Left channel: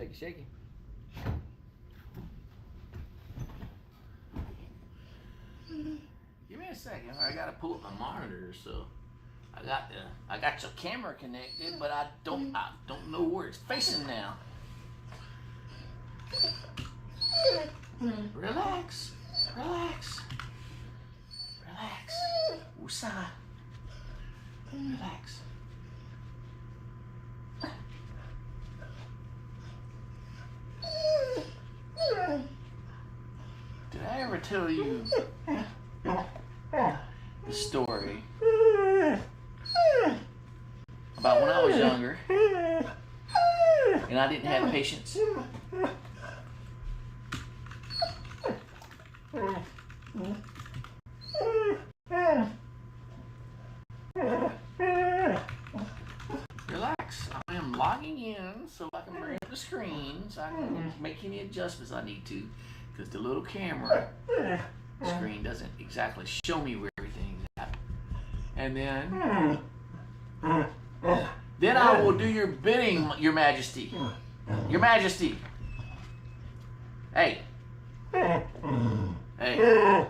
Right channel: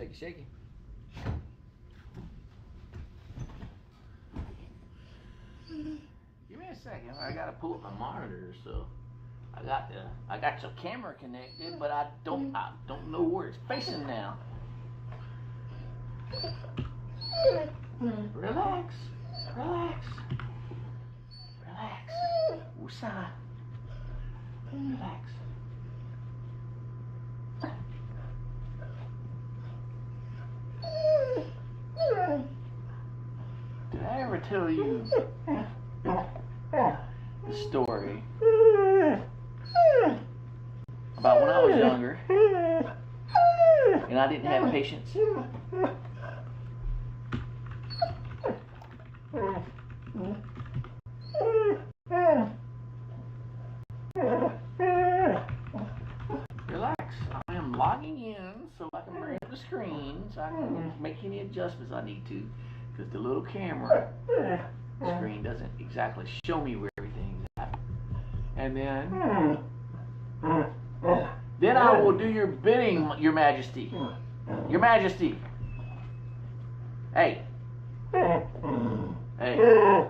Shake it, shake it. Give me a second. I gotta pull up my monitor, so I got your camera connected, but I don't know where it's facing now. Relax, relax, relax. Woosah. Relax. Did I ever tell you the story about when I was younger and I didn't have patience? Relax. I am logging in so I can bring up the screen so I can make any adjustments I need to, because the little camera screen doesn't exactly show me where everything's at. And then I will do your bidding, Your Majesty. Your Majesty. Hey. Hey. Hey.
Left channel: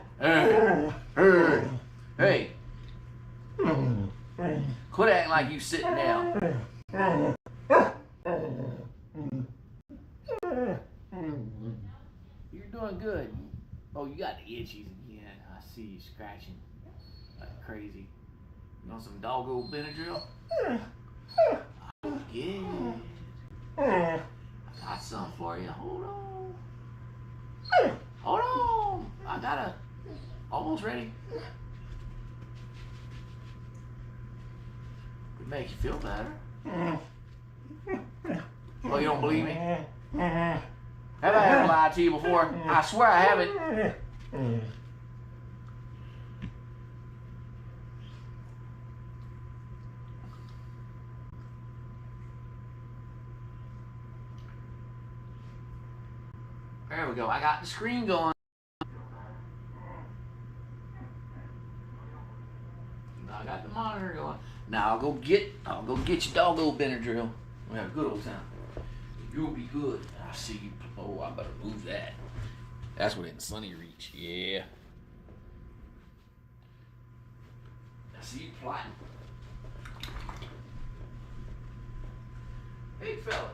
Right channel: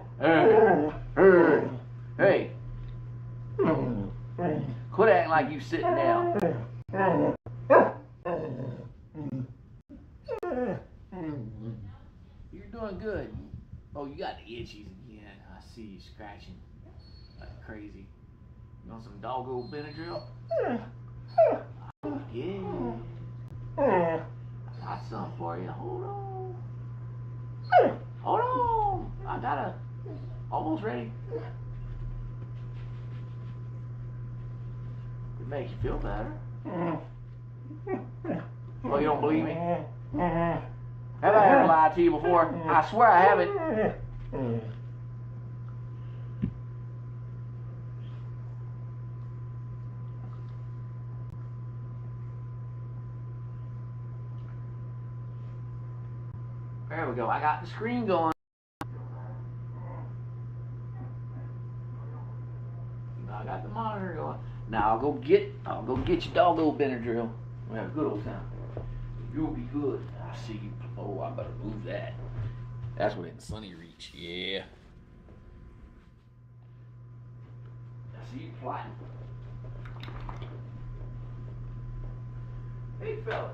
Hey. Quit acting like you sitting down. You're doing good. Oh, you got the itchies again. I see you scratching like crazy. You want some Doggo Benadryl? Oh, yeah. I got some for you. Hold on. Hold on. I got a almost ready. Would make you feel better. Oh, you don't believe me? Have I ever lied to you before? I swear I haven't. There we go. I got the screen going. I got the monitor going. Now I'll go get your Doggo Benadryl. We'll have a good old time. You'll be good. I see you. Oh, I better move that. That's within sunny reach. Yeah. I see you plotting. Hey, fella.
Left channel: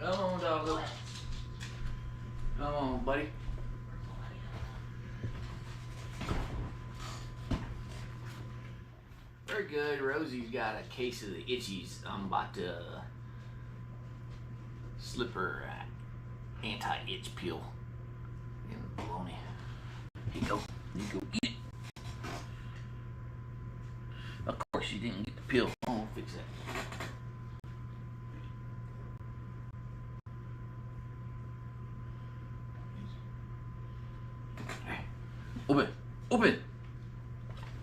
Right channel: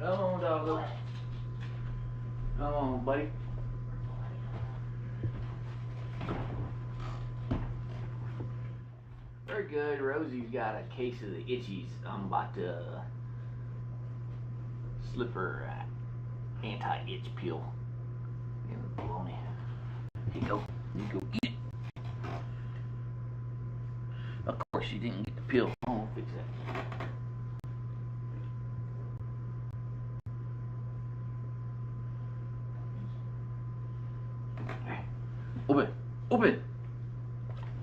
Oh, come on, Doggo. Come on, buddy. Very good. Rosie's got a case of the itchies. I'm about to slip her anti-itch pill in the bologna. Here you go. You go eat it. Of course, you didn't get the pill. I'll fix that. Open! Open!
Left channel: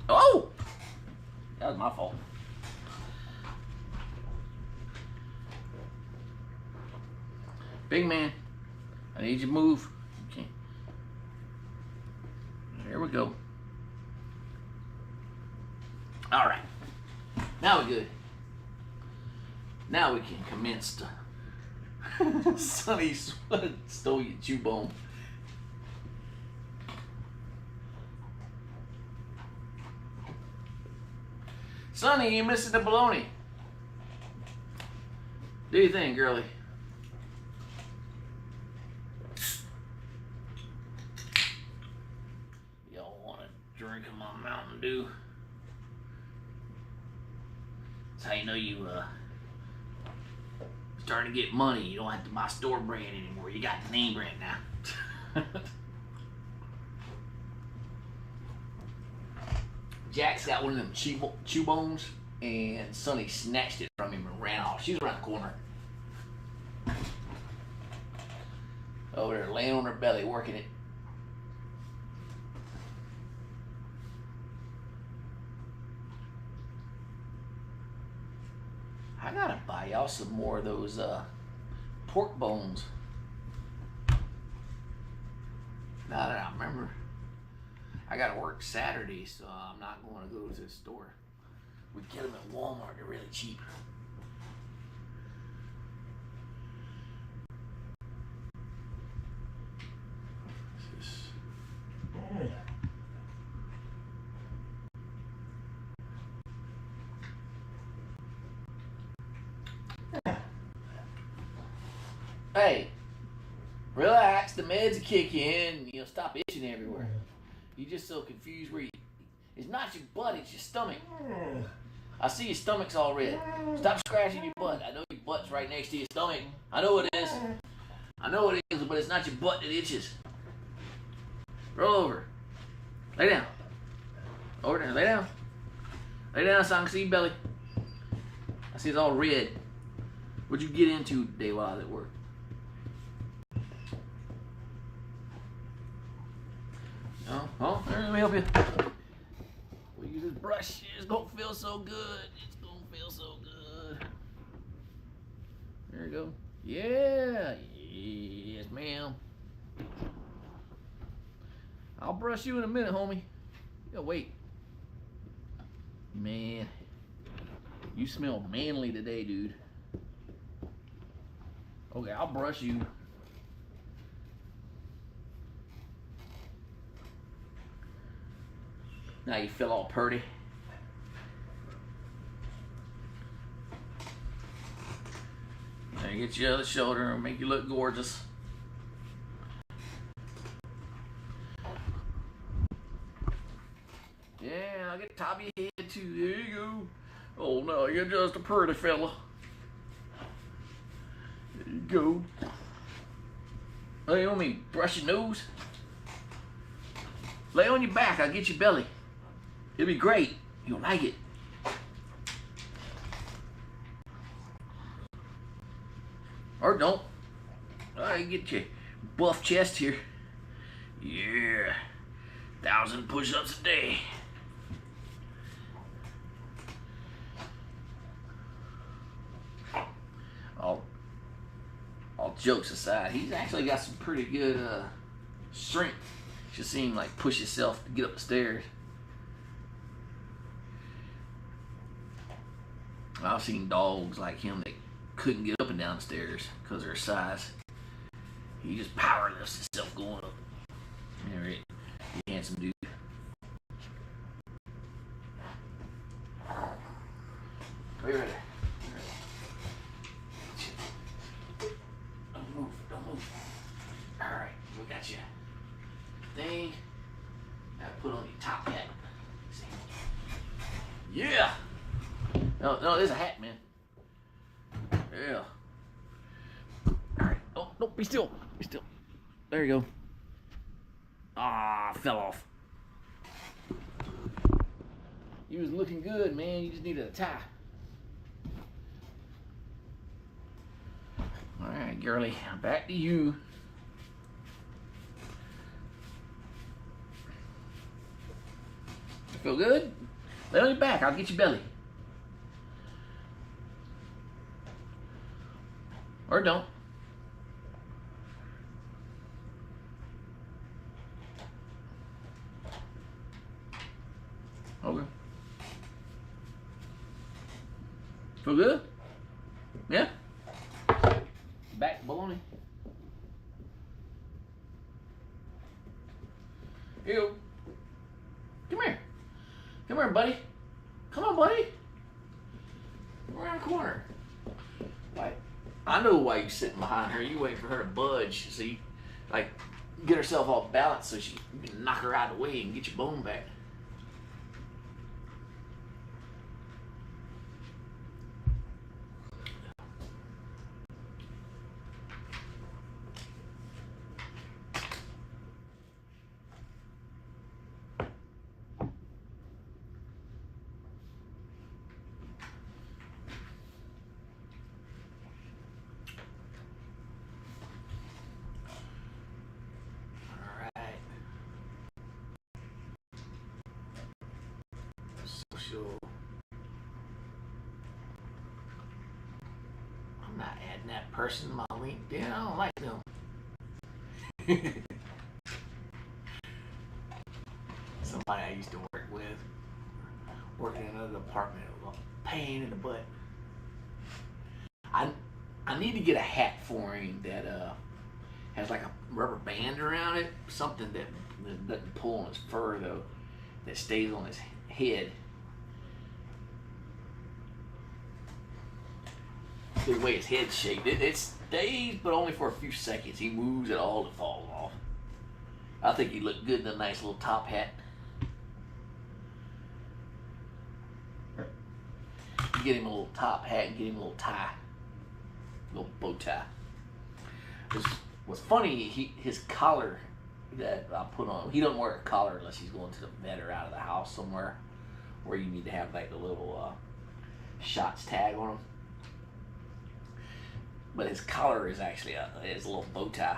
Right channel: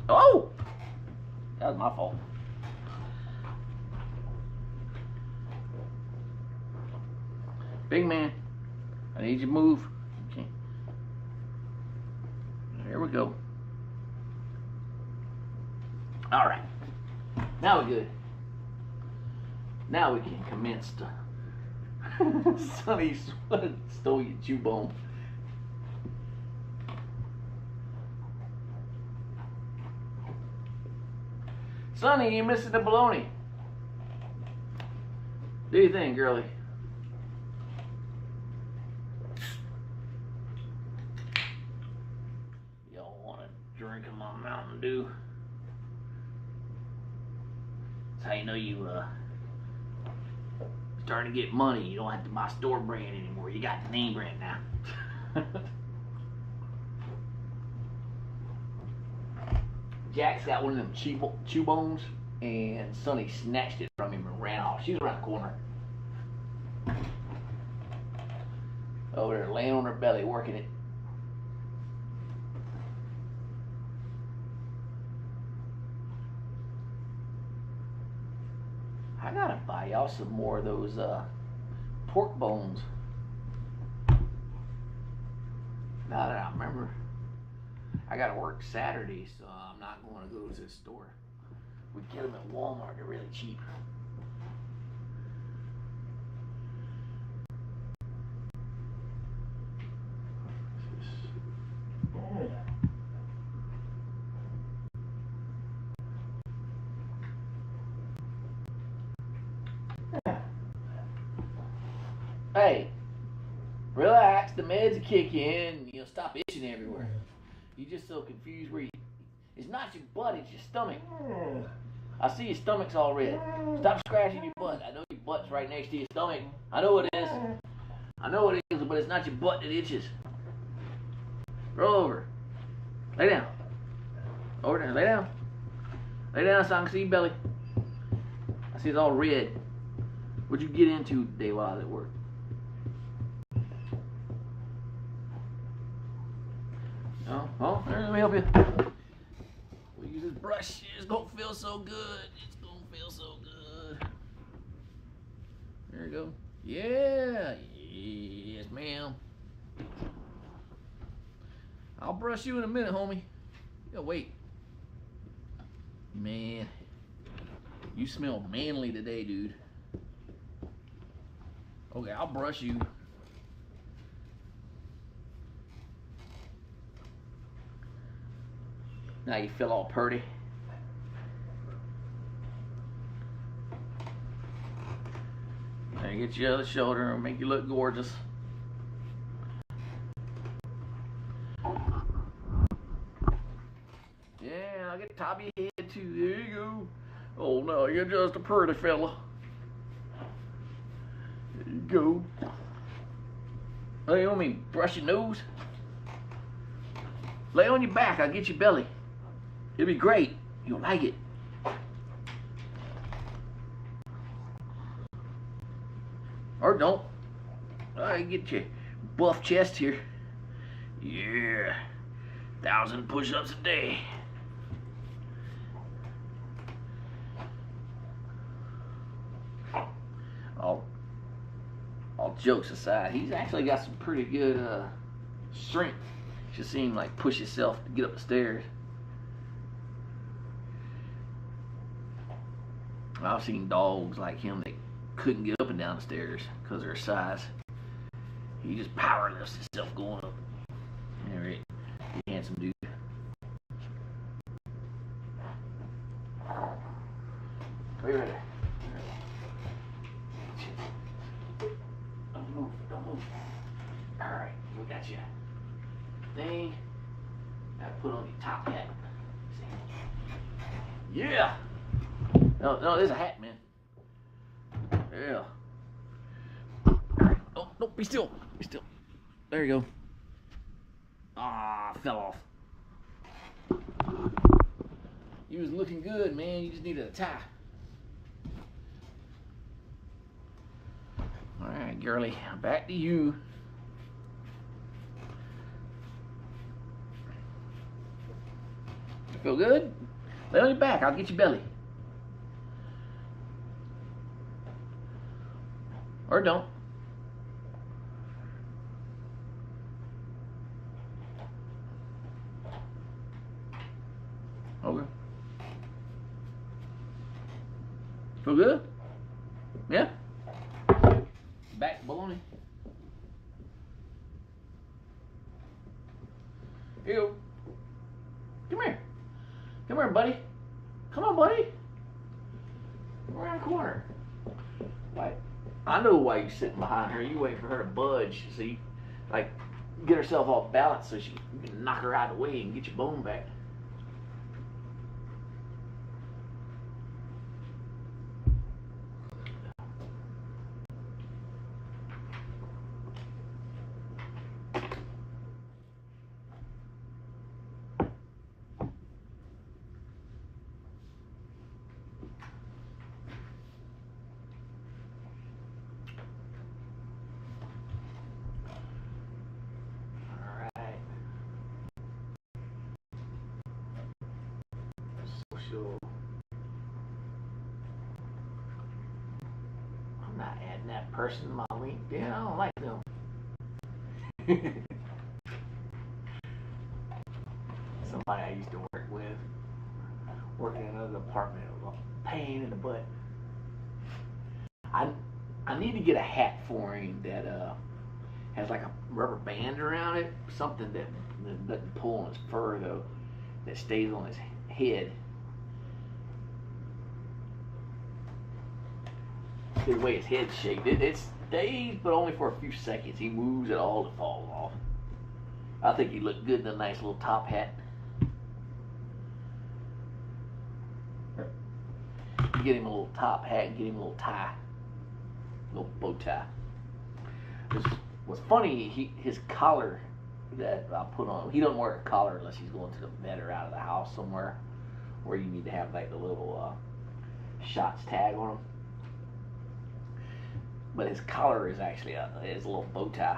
Oh! That was my fault. Big man, I need you to move. Okay. There we go. All right. Now we're good. Now we can commence to Sonny stole your chew bone. Sonny, you missing the bologna. Do you think, girlie? know you starting to get money. You don't have to buy store brand anymore. You got the name brand now. Jack's got one of them chew bones, and Sonny snatched it from him and ran off. She's around the corner. Over there, laying on her belly, working it. I gotta buy y'all some more of those pork bones. Now that I remember, I gotta work Saturday, so I'm not going to go to the store. We get them at Walmart, they're really cheap. Hey, relax, the meds will kick you in and you'll stop itching everywhere. You're just so confused where it's not your butt, it's your stomach. I see your stomach's all red. Stop scratching your butt. I know your butt's right next to your stomach. I know it is. I know it is, but it's not your butt that itches. Roll over. Lay down. Over there, lay down. Lay down so I can see your belly. I see it's all red. What'd you get into today while I was at work? Oh, let me help you. We'll use this brush. It's gonna feel so good. It's gonna feel so good. There you go. Yeah. Yes, ma'am. I'll brush you in a minute, homie. Yeah, wait. Man, you smell manly today, dude. Okay, I'll brush you. Now you feel all purty. Now you get your other shoulder and make you look gorgeous. Yeah, I'll get the top of your head too. There you go. Oh no, you're just a pretty fella. There you go. Oh, you want me to brush your nose? Lay on your back, I'll get your belly. It'll be great. You'll like it. Or don't. I get your buff chest here. Yeah. 1,000 push-ups a day. All jokes aside, he's actually got some pretty good strength. Just see him like push himself to get up the stairs. I've seen dogs like him that couldn't get up and down the stairs because of their size. He just power lifts himself going up. Alright, you handsome dude. Right there. Don't move, don't move. Alright, we got you. Thing. Now put on your top hat. Yeah! No, there's a hat, man. Yeah. Alright, no, be still. Be still. There you go. Ah, fell off. You was looking good, man. You just needed a tie. Alright, girlie. Back to you. Feel good? Lay on your back. I'll get your belly. Or don't. Okay. Feel good? Yeah? Back baloney. Ew. Come here. Come here, buddy. Come on, buddy. Come around the corner. Why? I know why you're sitting behind her. You waiting for her to budge, see? Like, get herself all balanced so you can knock her out of the way and get your bone back. adding that person to my LinkedIn. I don't like them. Somebody I used to work with, working in another department, was a pain in the butt. I need to get a hat for him that has like a rubber band around it, something that doesn't pull on his fur though, that stays on his head. See the way his head's shaped, it stays, but only for a few seconds. He moves it all, it falls off. I think he looked good in a nice little top hat. You get him a little top hat and get him a little tie, little bow tie. What's funny, his collar that I put on, he doesn't wear a collar unless he's going to the vet or out of the house somewhere where you need to have like the little shots tag on him. But his collar is actually his little bow tie.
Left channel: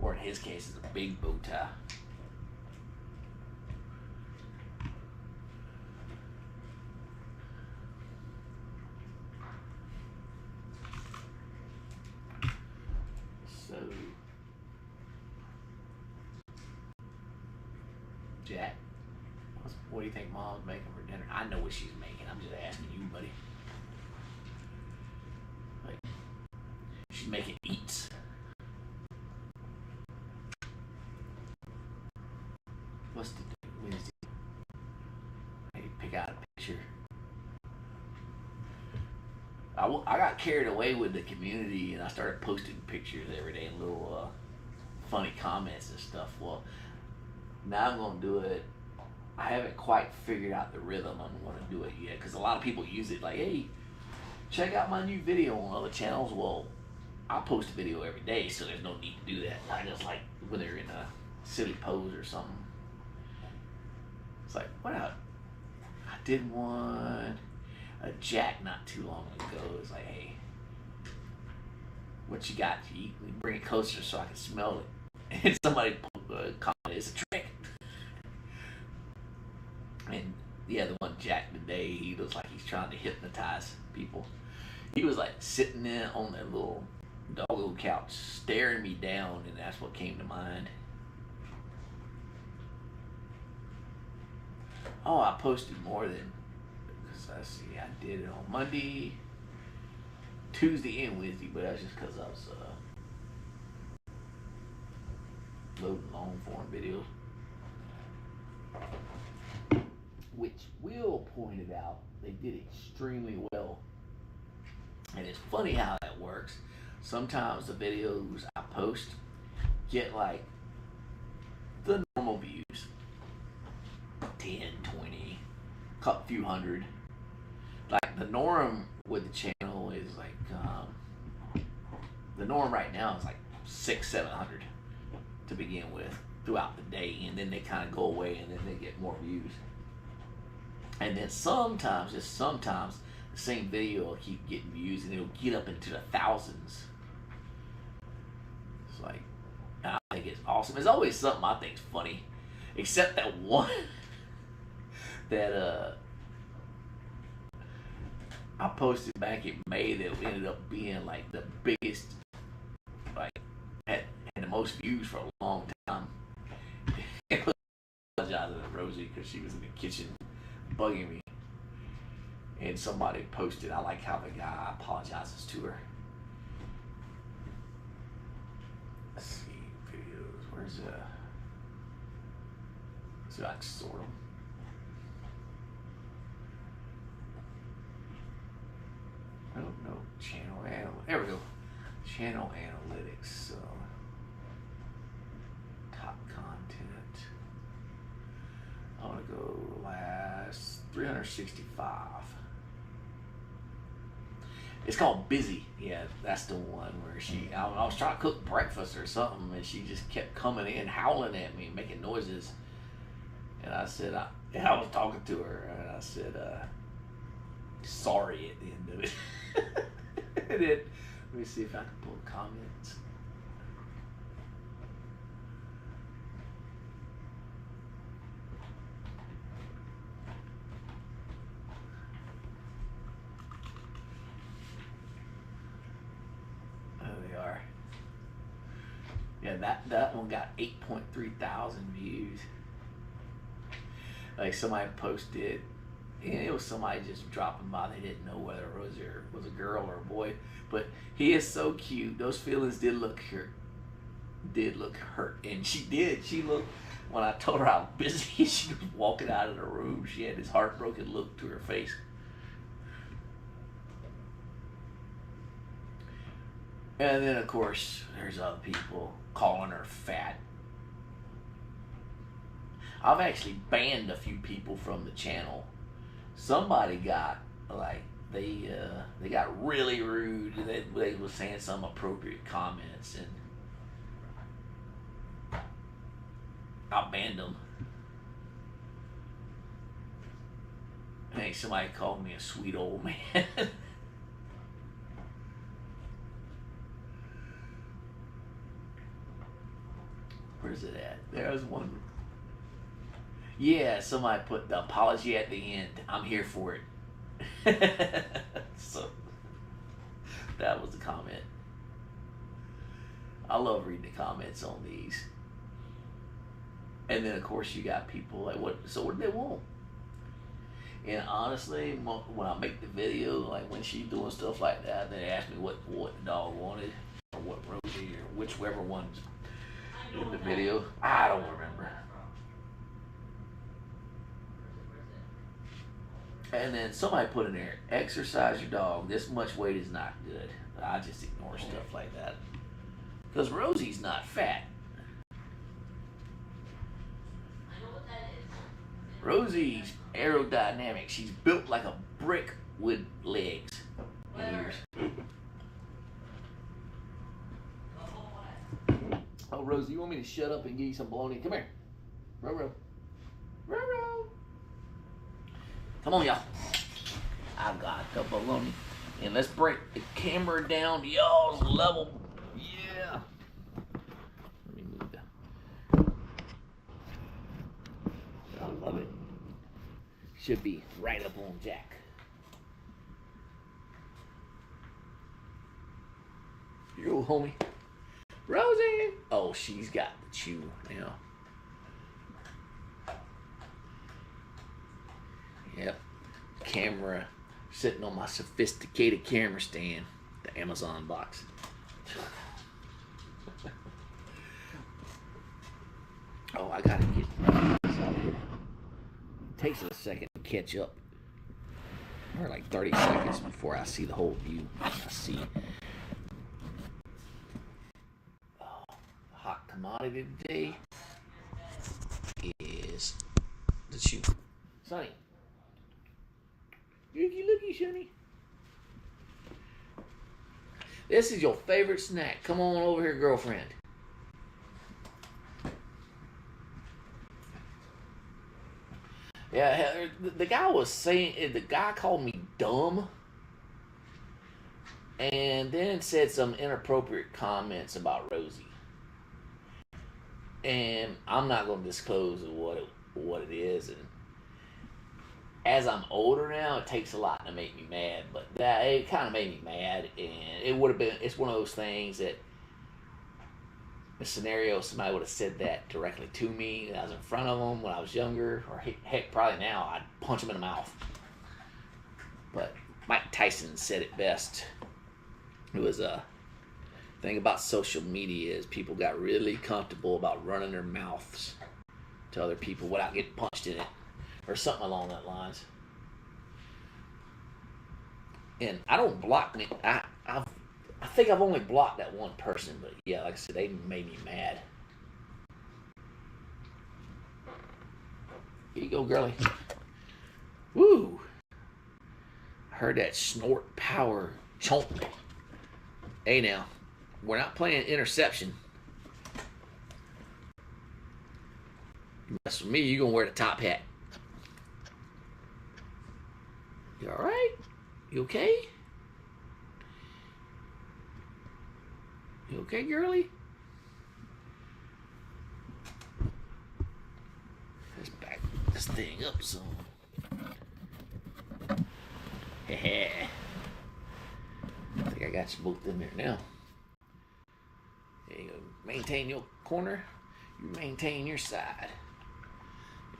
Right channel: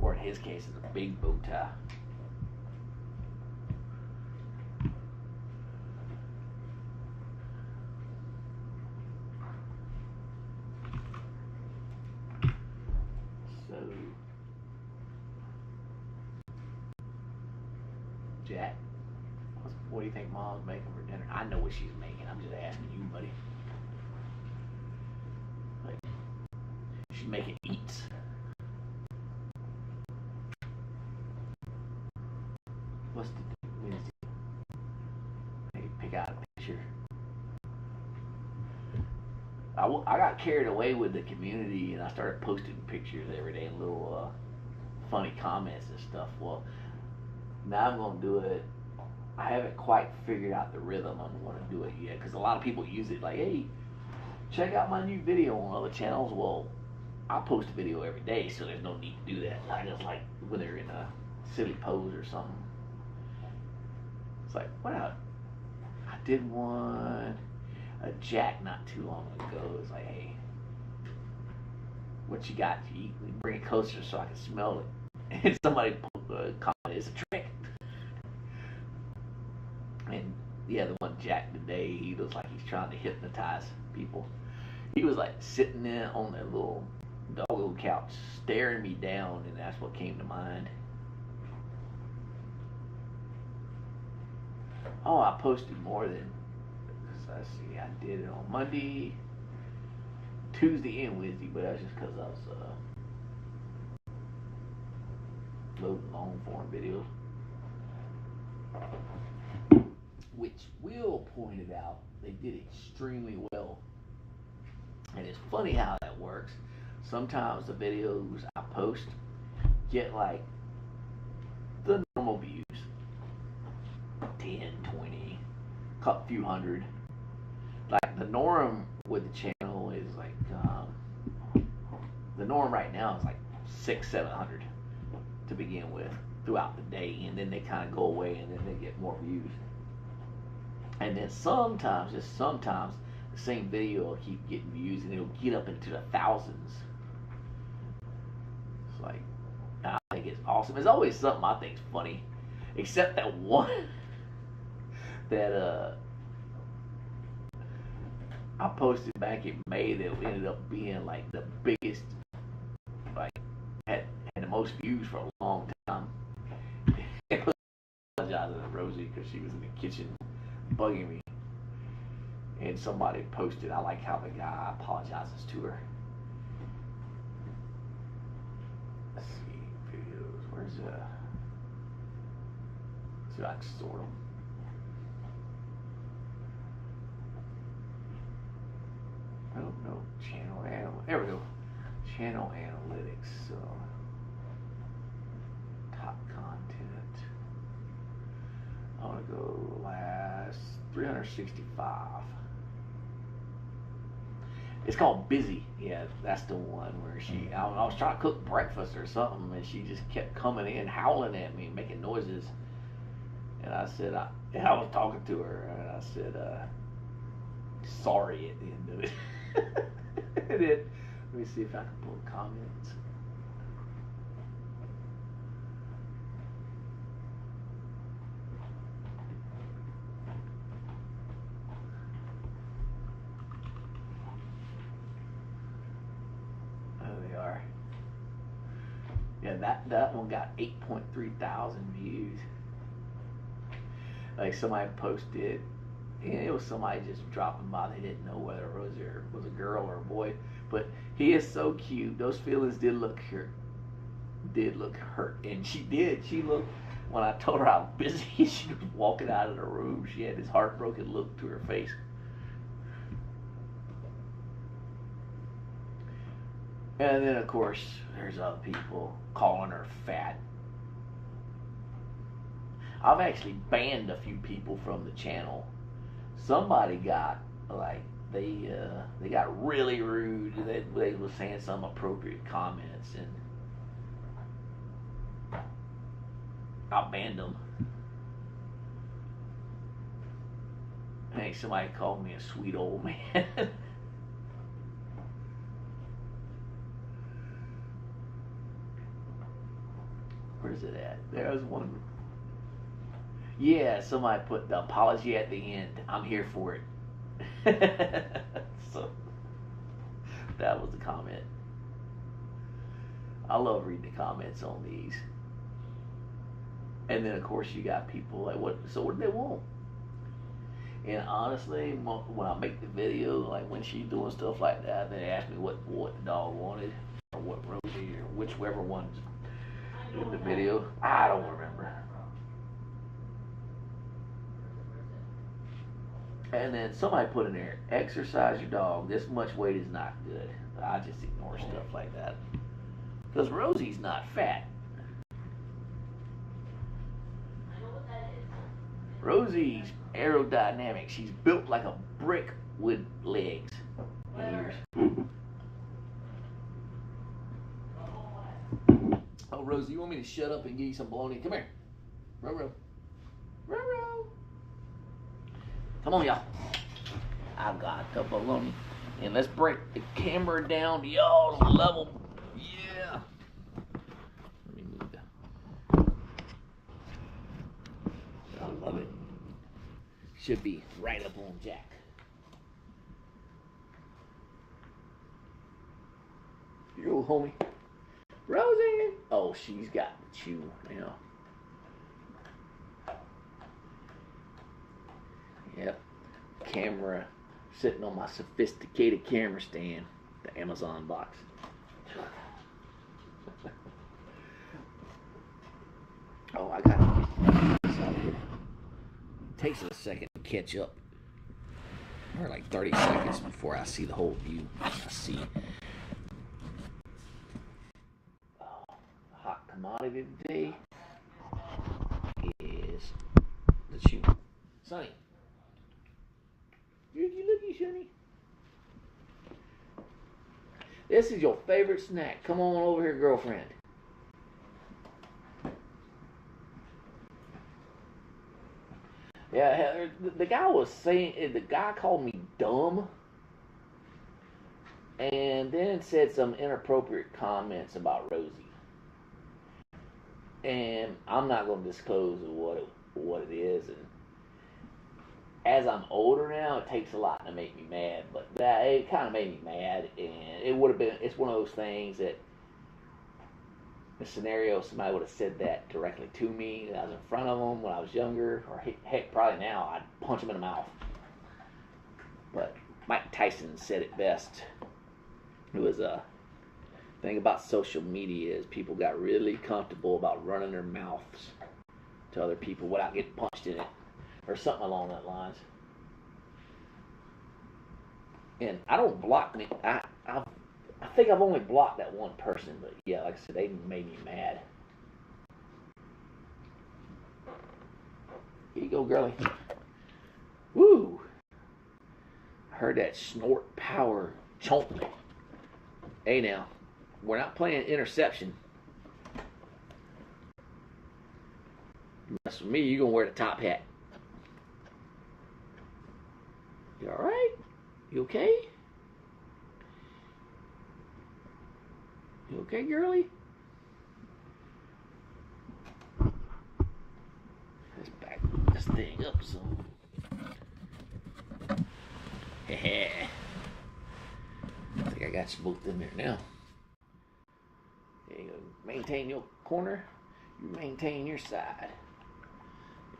Or in his case, it's a big bow tie. So, Jack, what do you think Mom's making for dinner? I know what she's making. I'm just asking you, buddy. Like, she's making eats. What's the Wednesday? Hey, pick out a picture. I got carried away with the community and I started posting pictures every day and little funny comments and stuff. Well, now I'm going to do it. I haven't quite figured out the rhythm I'm going to do it yet because a lot of people use it like, hey, check out my new video on other channels. Well, I post a video every day, so there's no need to do that. I just like when they're in a silly pose or something. It's like, what I did one, a Jack not too long ago. It's like, hey, what you got to eat? Bring it closer so I can smell it. And somebody commented, it's a trick. And yeah, the one Jack today, he looks like he's trying to hypnotize people. He was like sitting there on that little doggo couch staring me down, and that's what came to mind. Oh, I posted more than, because I see I did it on Monday, Tuesday, and Wednesday, but that's just because I was loading long form videos. Which Will pointed out, they did extremely well. And it's funny how that works. Sometimes the videos I post get like the normal views, 10, 20, a few hundred. Like the norm with the channel is like, the norm right now is like 600-700 to begin with throughout the day, and then they kind of go away and then they get more views. And then sometimes, just sometimes, the same video will keep getting views and it'll get up into the thousands. It's like, I think it's awesome. There's always something I think is funny, except that one that I posted back in May that ended up being like the biggest, like had the most views for a long time. I apologize to Rosie because she was in the kitchen bugging me, and somebody posted, I like how the guy apologizes to her. Let's see, videos, where's so I can sort them. I don't know, there we go, channel analytics, so top content. I want to go last 365. It's called Busy. Yeah, that's the one where I was trying to cook breakfast or something, and she just kept coming in, howling at me, making noises. And I said, I was talking to her, and I said, sorry at the end of it. And then, let me see if I can pull comments. are. Yeah, that one got 8.3 thousand views. Like somebody posted, and it was somebody just dropping by. They didn't know whether Rosie was a girl or a boy, but he is so cute. Those feelings did look hurt. And she did. She looked, when I told her how busy she was walking out of the room, she had this heartbroken look to her face. And then, of course, there's other people calling her fat. I've actually banned a few people from the channel. Somebody got, like, they got really rude. They were saying some appropriate comments, and I banned them. I think somebody called me a sweet old man. Where's it at? There's one. Yeah, somebody put the apology at the end. I'm here for it. So that was the comment. I love reading the comments on these. And then of course you got people like, what do they want? And honestly, when I make the video, like when she's doing stuff like that, they ask me what the dog wanted, or what Rosie, or whichever one's in the video. I don't remember. And then somebody put in there, exercise your dog. This much weight is not good. But I just ignore stuff like that. Because Rosie's not fat. Rosie's aerodynamic. She's built like a brick with legs and ears. Oh, Rosie, you want me to shut up and give you some bologna? Come here. Roro. Roro. Come on, y'all. I've got the bologna. And let's break the camera down to y'all's level. Yeah. Let me move that. I love it. Should be right up on Jack. You homie. Rosie. Oh, she's got the chew now. Yep. Camera sitting on my sophisticated camera stand. The Amazon box. Oh, I gotta get this out of here. It takes a second to catch up. Or like 30 seconds before I see the whole view. I see. Oh, hot commodity today is the chew. Sonny. Looky, Sonny. This is your favorite snack. Come on over here, girlfriend. Yeah, the guy was saying, the guy called me dumb and then said some inappropriate comments about Rosie. And I'm not going to disclose what it is. And as I'm older now, it takes a lot to make me mad, but it kind of made me mad, and it would have been, it's one of those things that the scenario, somebody would have said that directly to me, that I was in front of them when I was younger, or heck, probably now, I'd punch them in the mouth. But Mike Tyson said it best. It was a thing about social media is people got really comfortable about running their mouths to other people without getting punched in it. Or something along that lines. And I don't block me. I think I've only blocked that one person, but yeah, like I said, they made me mad. Here you go, girlie. Woo! I heard that snort power chomp. Hey now, we're not playing interception. You mess with me, you're gonna wear the top hat. You alright? You okay? You okay, girlie? Let's back this thing up some. I think I got you both in there now. You maintain your corner, you maintain your side.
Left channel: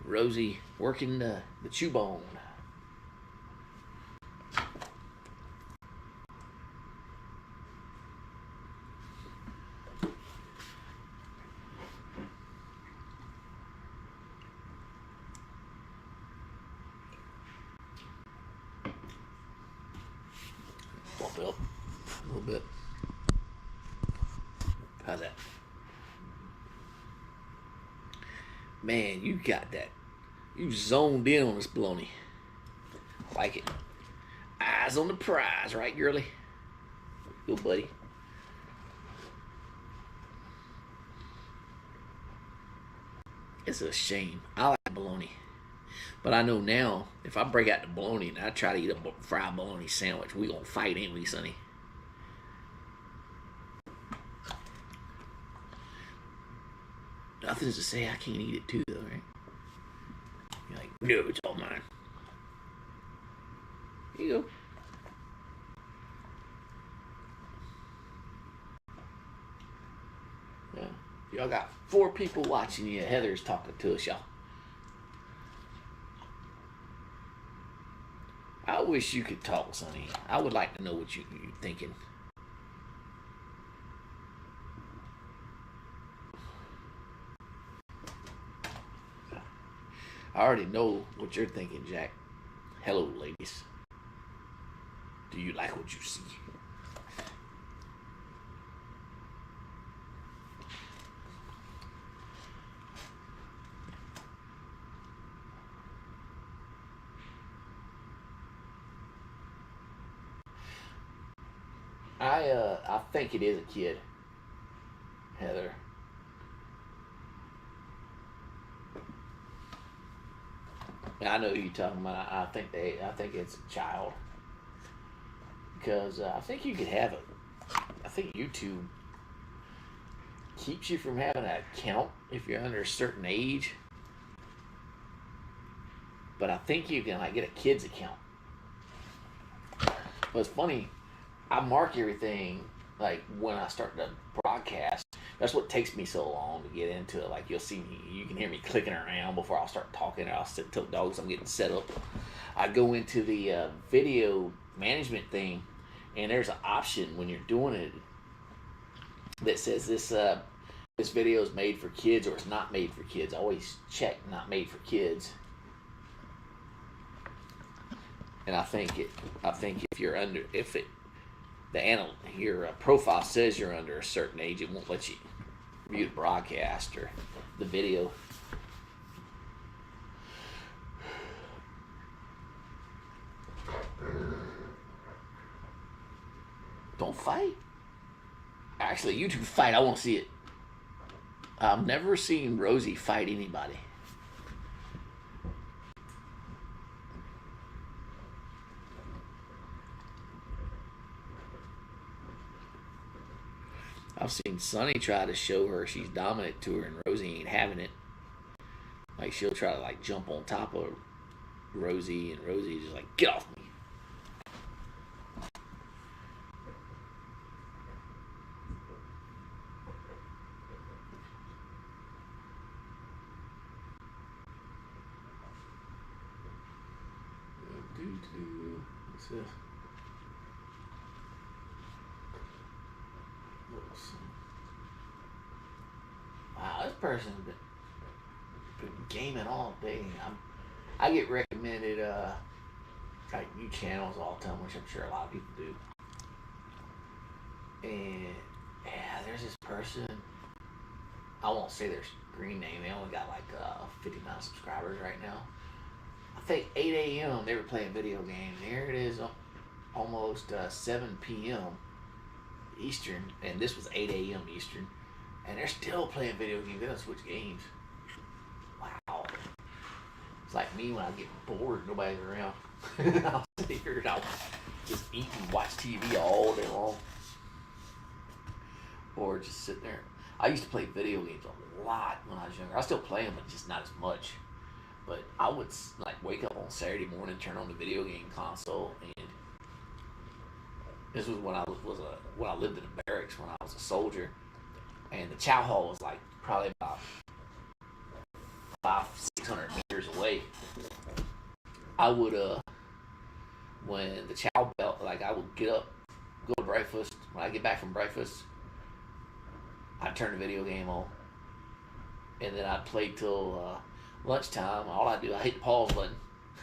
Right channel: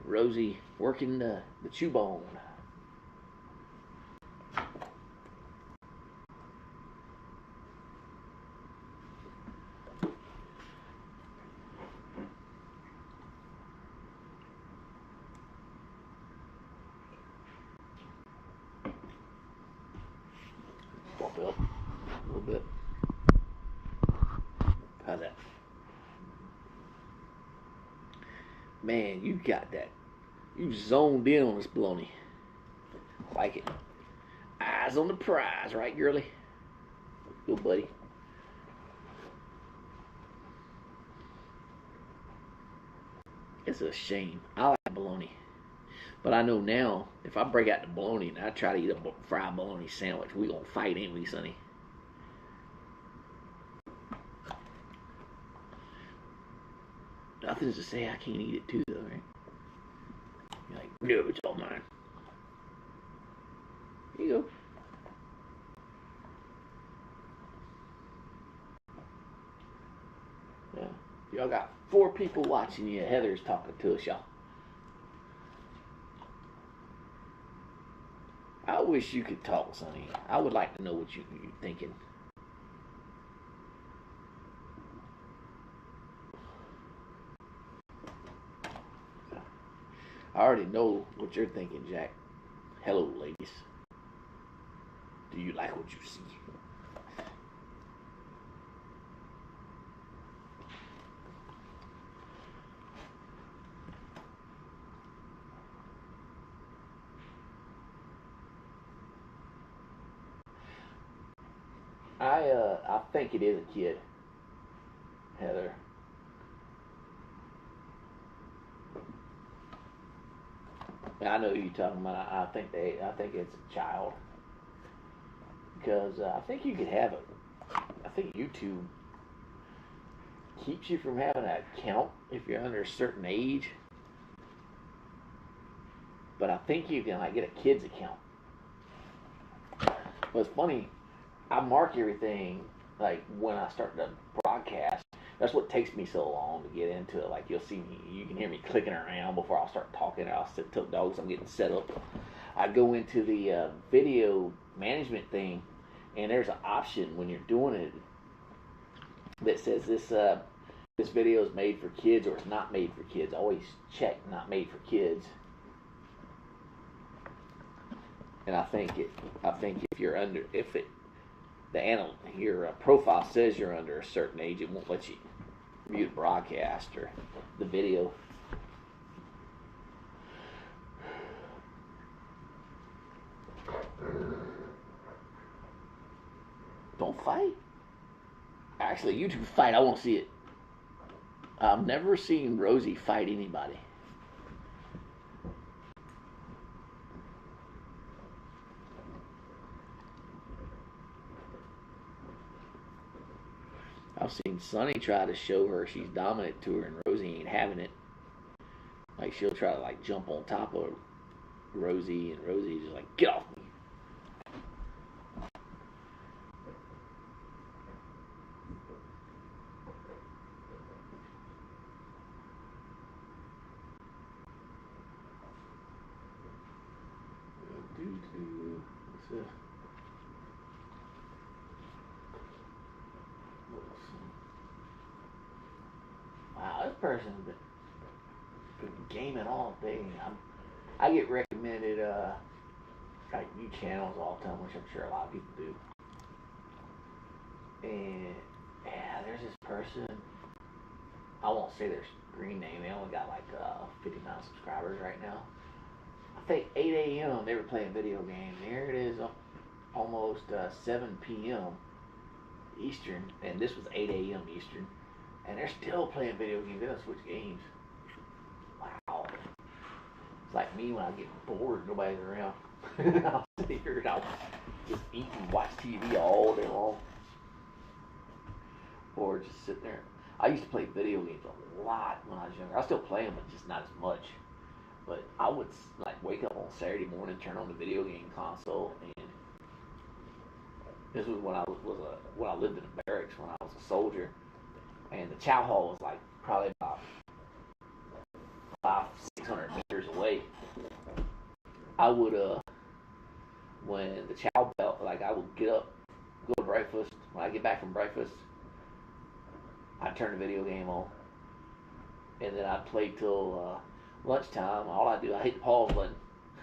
Rosie working the chew bone. Bump it up a little bit. How's that? Man, you got that. You zoned in on this baloney. Like it. Eyes on the prize, right, girly? Good buddy. It's a shame. I like bologna. But I know now, if I break out the bologna and I try to eat a fried bologna sandwich, we gonna fight, ain't we, Sonny? Nothing's to say I can't eat it too, though, right? You're like, no, it's all mine. Here you go. Yeah. Y'all got 4 people watching you. Heather's talking to us, y'all. I wish you could talk, Sonny. I would like to know what you're thinking. I already know what you're thinking, Jack. Hello, ladies. Do you like what you see? I think it is a kid, Heather. I know who you're talking about. I think it's a child because I think you could have it. I think YouTube keeps you from having an account if you're under a certain age. But I think you can like get a kid's account. But it's funny. I mark everything like when I start the broadcast. That's what takes me so long to get into it. Like you'll see me, you can hear me clicking around before I'll start talking. I'll sit till dogs. I'm getting set up. I go into the video management thing, and there's an option when you're doing it that says this video is made for kids or it's not made for kids. I always check not made for kids. And I think if you're under your profile says you're under a certain age, it won't let you view the broadcast or the video. Don't fight. Actually, you two fight. I want to see it. I've never seen Rosie fight anybody. I've seen Sunny try to show her she's dominant to her, and Rosie ain't having it. Like she'll try to like jump on top of Rosie, and Rosie just like get off me. What's this? Wow, this person's been gaming all day. I get recommended like new channels all the time, which I'm sure a lot of people do. And yeah, there's this person. I won't say their screen name. They only got like 59 subscribers right now. I think 8 a.m. they were playing video games. Here it is, almost 7 p.m. Eastern, and this was 8 a.m. Eastern, and they're still playing video games. They don't switch games. Wow. It's like me when I get bored, nobody's around. I'll sit here and I'll just eat and watch TV all day long. Or just sit there. I used to play video games a lot when I was younger. I still play them, but just not as much. But I would like wake up on Saturday morning, turn on the video game console, and this was when I lived in the barracks when I was a soldier. and the chow hall was like probably about 600 meters away. I would when the chow bell, like I would get up, go to breakfast. When I get back from breakfast, I'd turn the video game on, and then I'd play till lunchtime. All I do, I hit the pause button.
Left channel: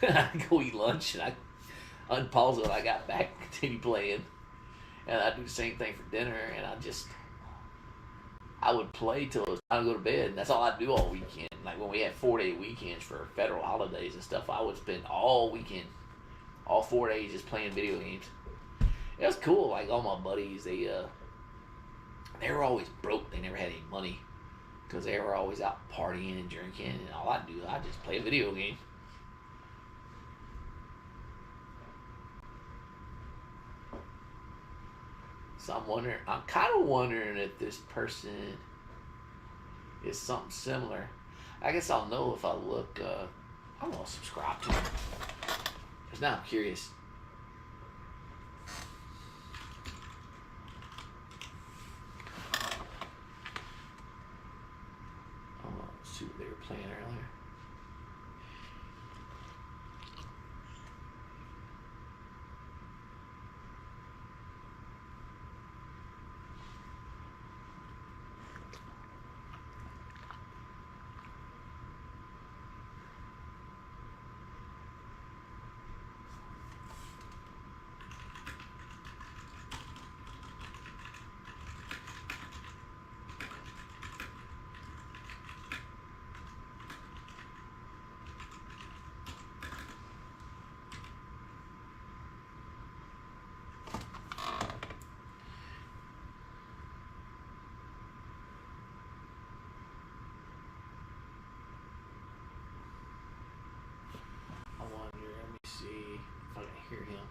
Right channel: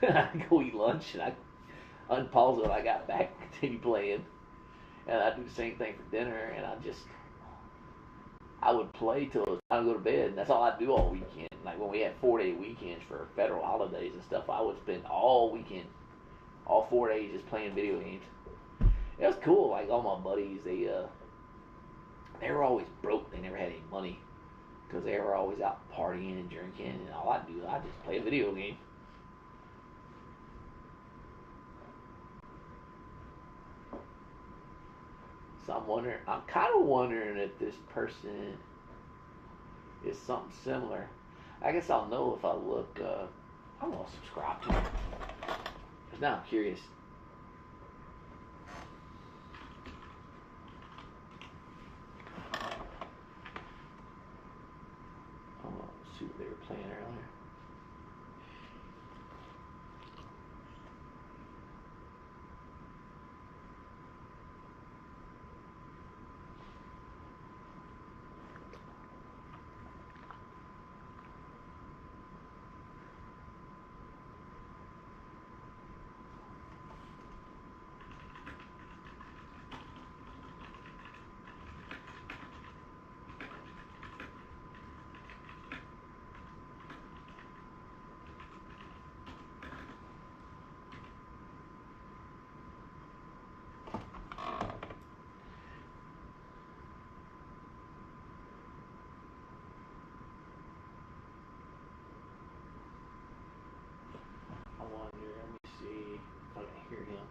I go eat lunch, and I unpause it when I got back, continue playing, and I do the same thing for dinner. And I would play till it was time to go to bed, and that's all I'd do all weekend. Like when we had 4-day weekends for federal holidays and stuff, I would spend all weekend, all 4 days, just playing video games. It was cool. Like all my buddies, they were always broke. They never had any money because they were always out partying and drinking. And all I do, I just play a video game. So I'm kind of wondering if this person is something similar. I guess I'll know if I look. I'm gonna subscribe to him because now I'm curious. I'm gonna see what they were playing earlier. Let me see if I can hear him.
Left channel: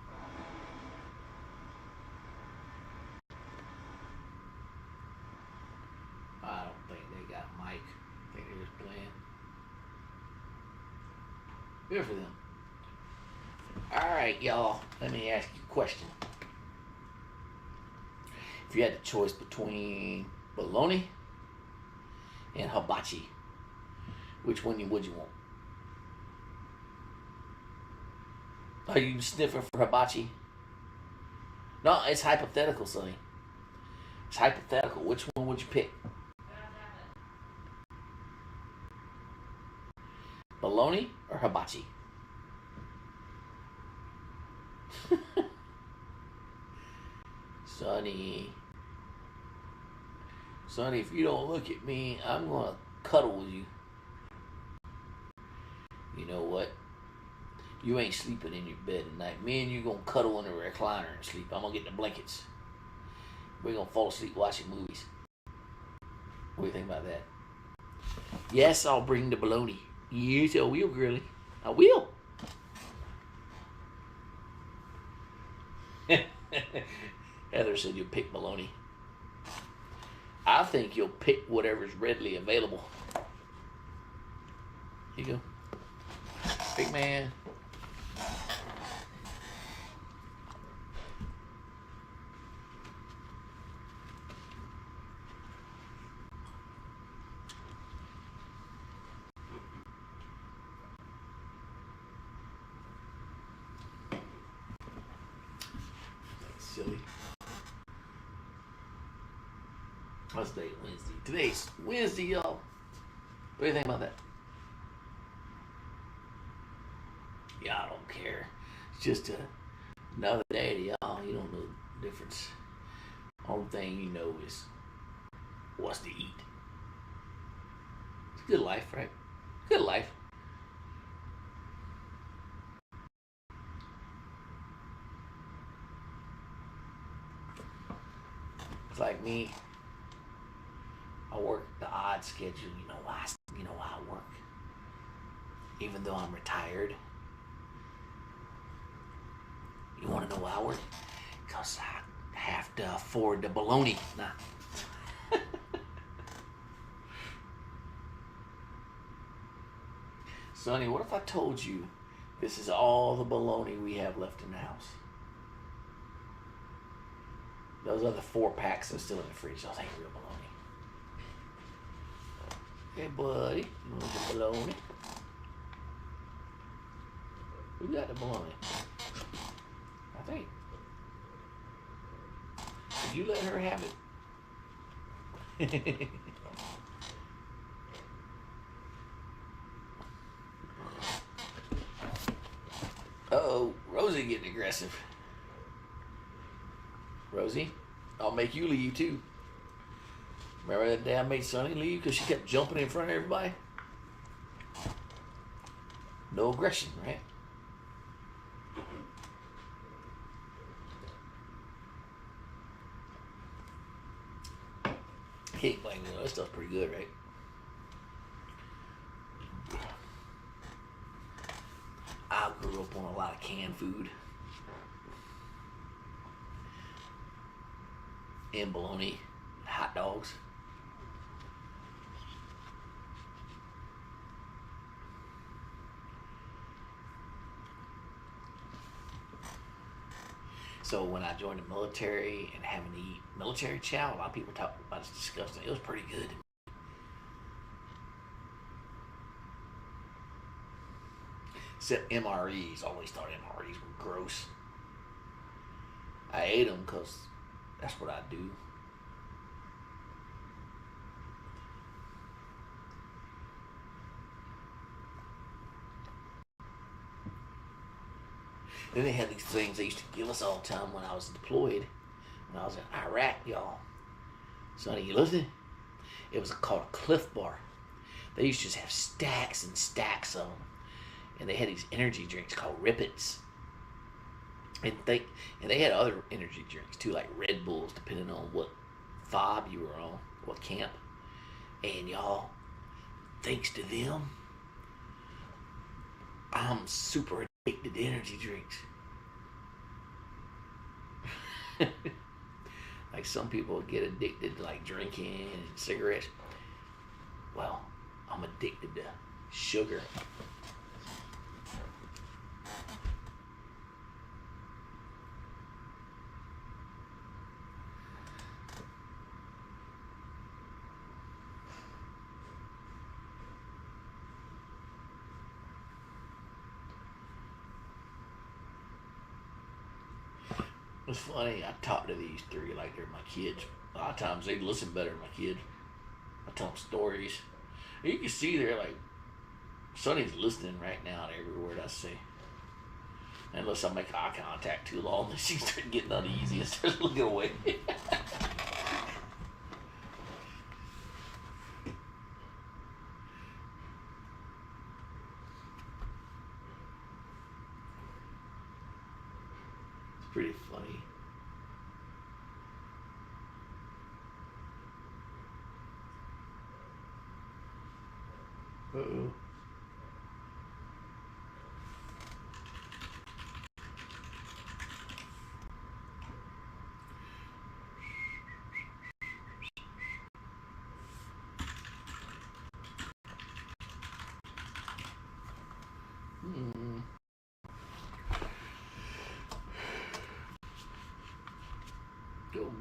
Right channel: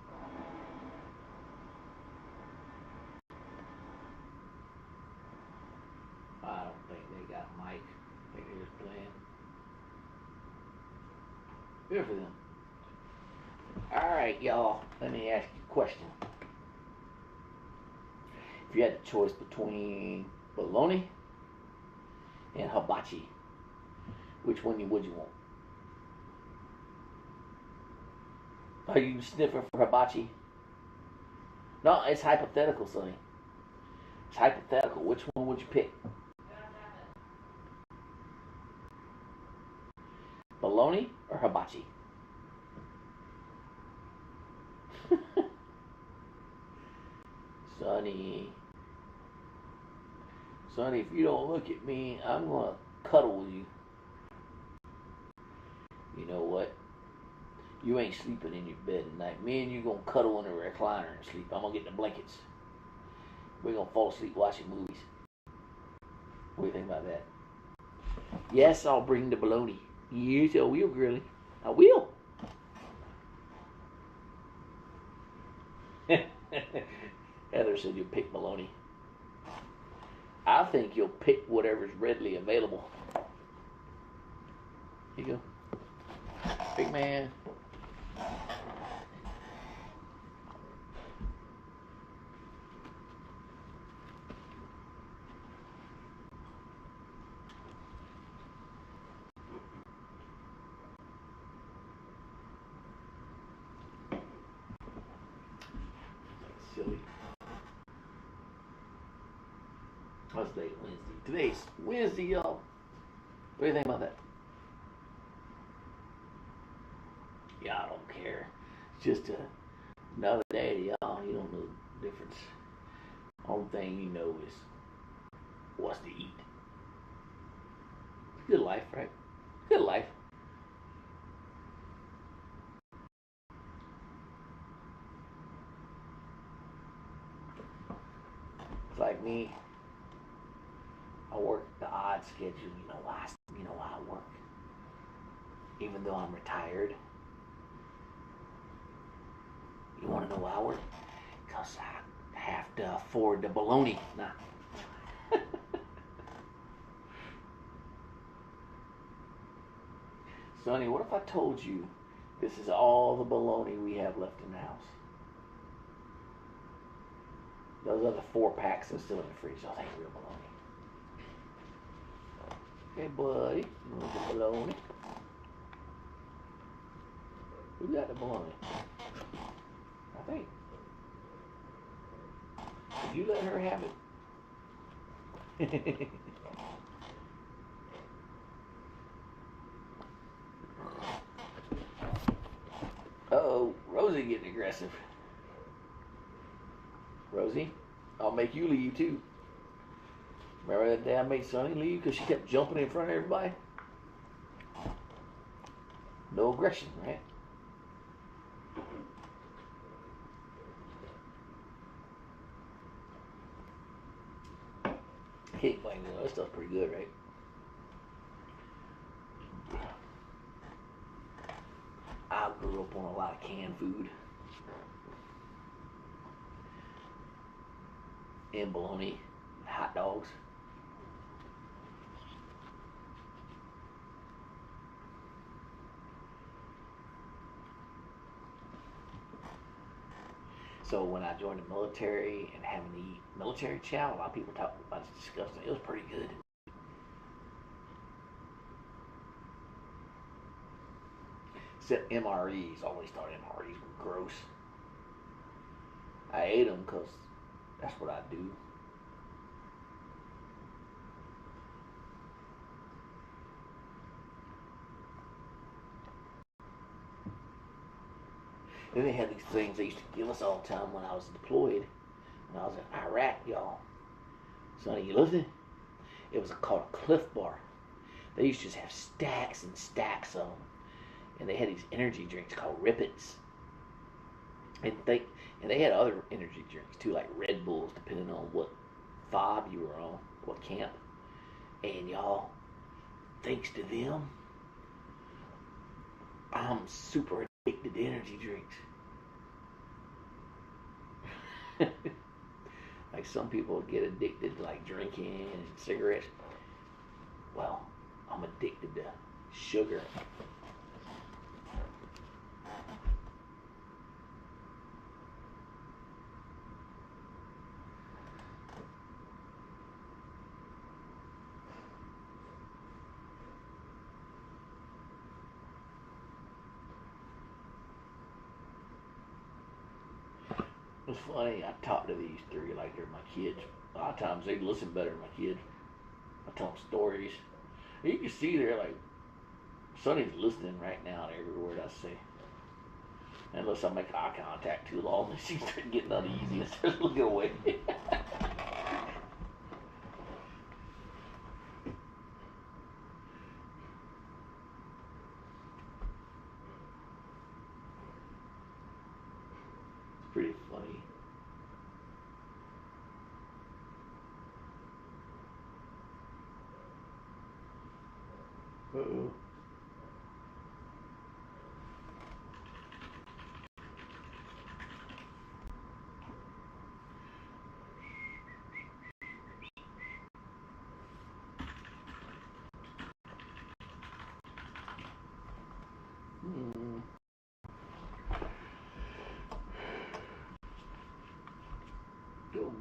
I don't think they got a mic. I think they're just playing. Good for them. Alright, y'all. Let me ask you a question. If you had the choice between bologna and hibachi, which one would you want? Are you sniffing for hibachi? No, it's hypothetical, Sonny. It's hypothetical. Which one would you pick? Bologna or hibachi? Sonny, if you don't look at me, I'm gonna cuddle with you. You know what? You ain't sleeping in your bed tonight. Me and you gonna cuddle in the recliner and sleep. I'm gonna get the blankets. We're gonna fall asleep watching movies. What do you think about that? Yes, I'll bring the bologna. Yes, I will, girlie. I will. Heather said you'll pick bologna. I think you'll pick whatever's readily available. Here you go. Big man. Silly. What's today? Wednesday. Today's Wednesday, y'all. What do you think about that? Y'all don't care. It's just another day to y'all. You don't know the difference. Only thing you know is what's to eat. It's a good life, right? Good life. It's like me. I work the odd schedule. You know why I work. Even though I'm retired. You want to know why I work? Because I have to afford the bologna. Nah. Sonny, what if I told you this is all the bologna we have left in the house? Those other 4 packs are still in the fridge. Those ain't real bologna. Hey, buddy. You want the bologna? Who got the bologna? I think. Did you let her have it? Uh-oh, Rosie getting aggressive. Rosie, I'll make you leave too. Remember that day I made Sonny leave because she kept jumping in front of everybody? No aggression, right? Can't blame you. That stuff's pretty good, right? I grew up on a lot of canned food. And bologna, hot dogs. So when I joined the military and having to eat military chow, a lot of people talk about it's disgusting. It was pretty good. Except MREs. I always thought MREs were gross. I ate them because that's what I do. Then they had these things they used to give us all the time when I was deployed. When I was in Iraq, y'all. Sonny, you listening? It was called a Cliff Bar. They used to just have stacks and stacks of them. And they had these energy drinks called Rippets. And they had other energy drinks too, like Red Bulls, depending on what fob you were on, what camp. And y'all, thanks to them, I'm super addicted to energy drinks. Like some people get addicted to like drinking and cigarettes. Well, I'm addicted to sugar. It's funny, I talk to these three like they're my kids. A lot of times they listen better than my kids. I tell them stories. You can see they're like, Sonny's listening right now to every word I say. Unless I make eye contact too long, then she starts getting uneasy and starts looking away. It's pretty funny. Uh-oh. Mm. Go.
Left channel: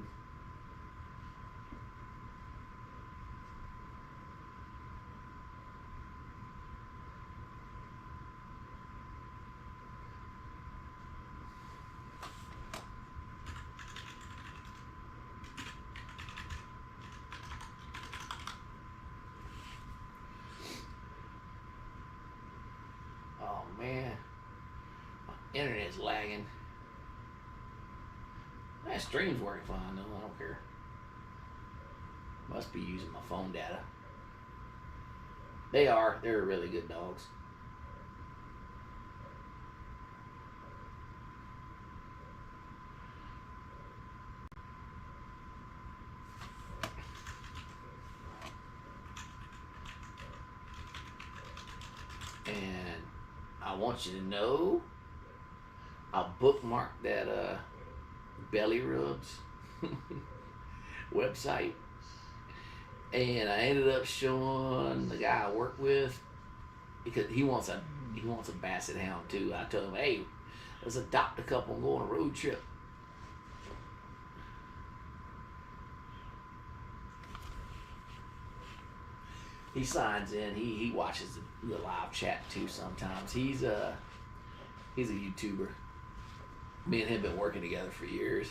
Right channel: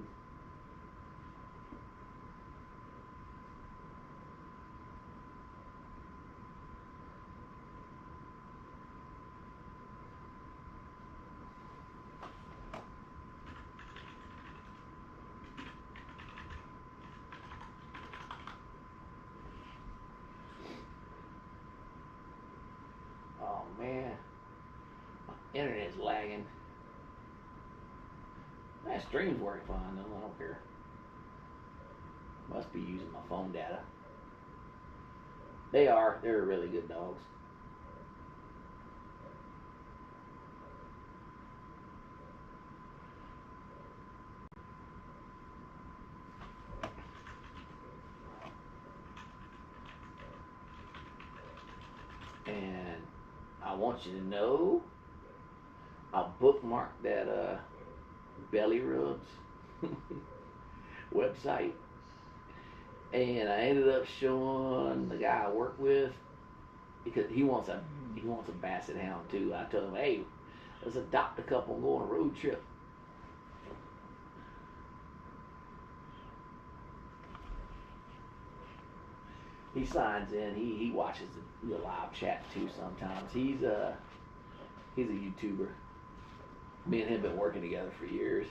Oh man, my internet's lagging. That stream's working fine though. I don't care. Must be using my phone data. They are. They're really good dogs. And I want you to know, I bookmarked that belly rubs website, and I ended up showing the guy I work with because he wants a basset hound too. I told him, hey, let's adopt a couple and go on a road trip. He signs in. He watches the live chat too sometimes. He's a YouTuber. Me and him been working together for years.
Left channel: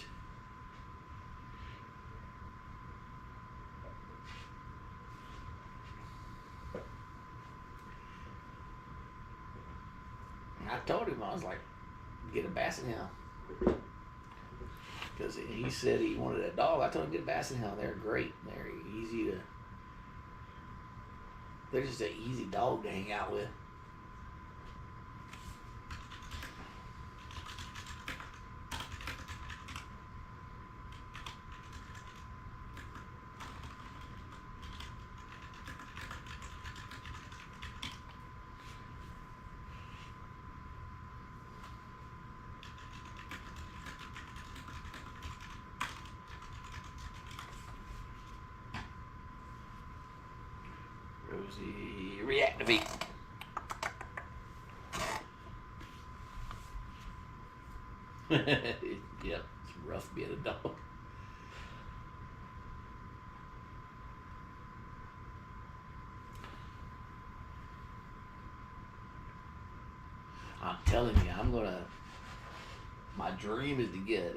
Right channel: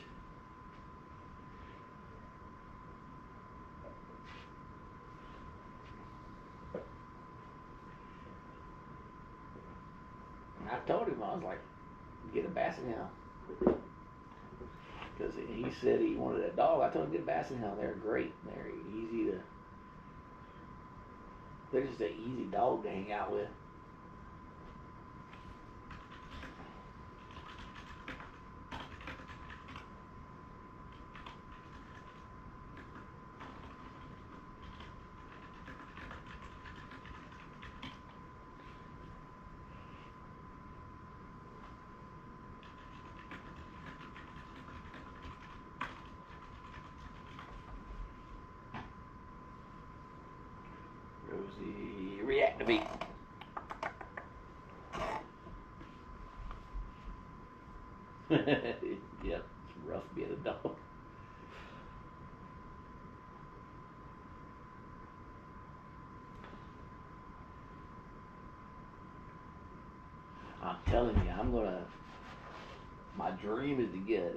I told him, I was like, get a basset hound. Because he said he wanted a dog. I told him, get a basset hound. They're great. They're easy to. They're just an easy dog to hang out with. Rosie, reactivate. Yep, it's rough being a dog. I'm telling you, my dream is to get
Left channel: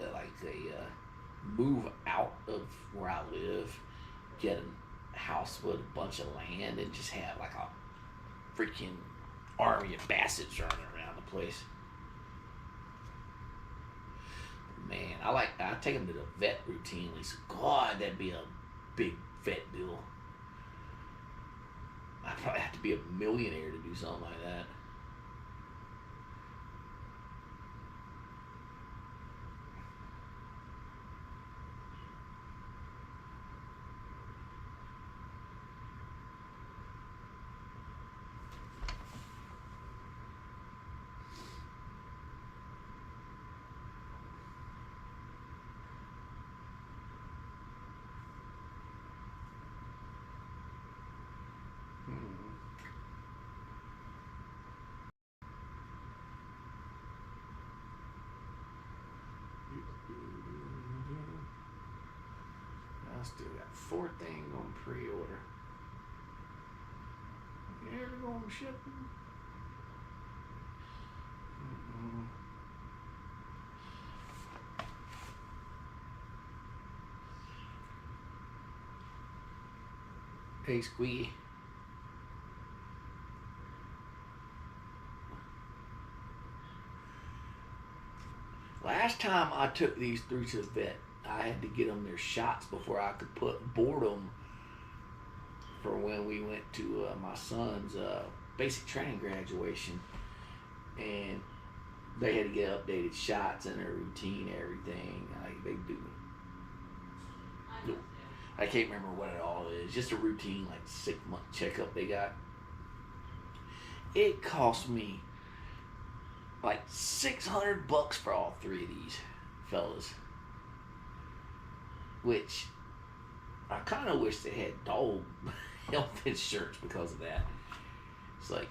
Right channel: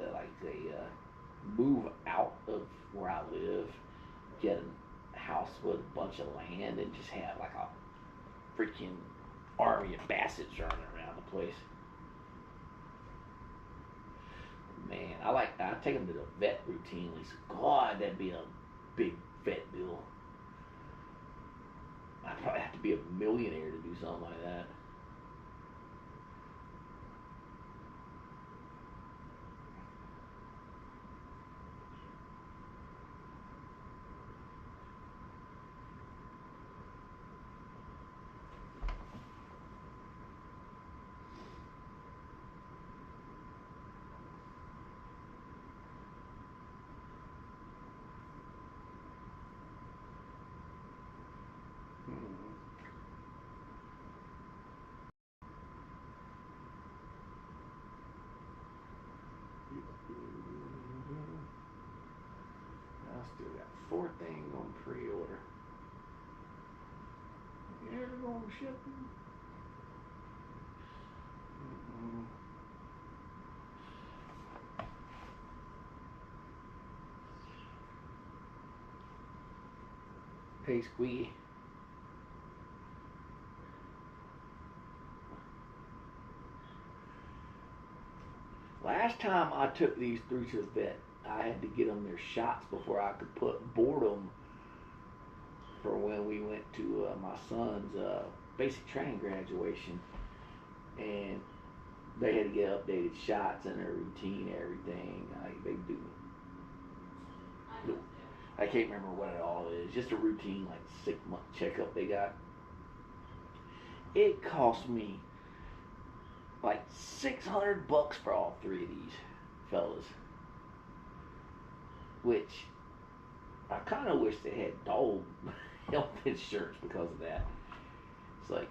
move out of where I live, get a house with a bunch of land, and just have like a freaking army of bassets running around the place. Man, I take them to the vet routinely. So God, that'd be a big vet bill. I'd probably have to be a millionaire to do something like that. I still got 4 things on pre-order. Yeah, they're going to ship them. Hey, Squeaky. Last time I took these 3 to the vet, I had to get them their shots before I could board them for when we went to my son's basic training graduation, and they had to get updated shots and their routine, everything. Like they do. I can't remember what it all is. Just a routine, like 6-month checkup they got. It cost me like $600 for all 3 of these fellas. Which I kind of wish they had dog health insurance because of that. It's like,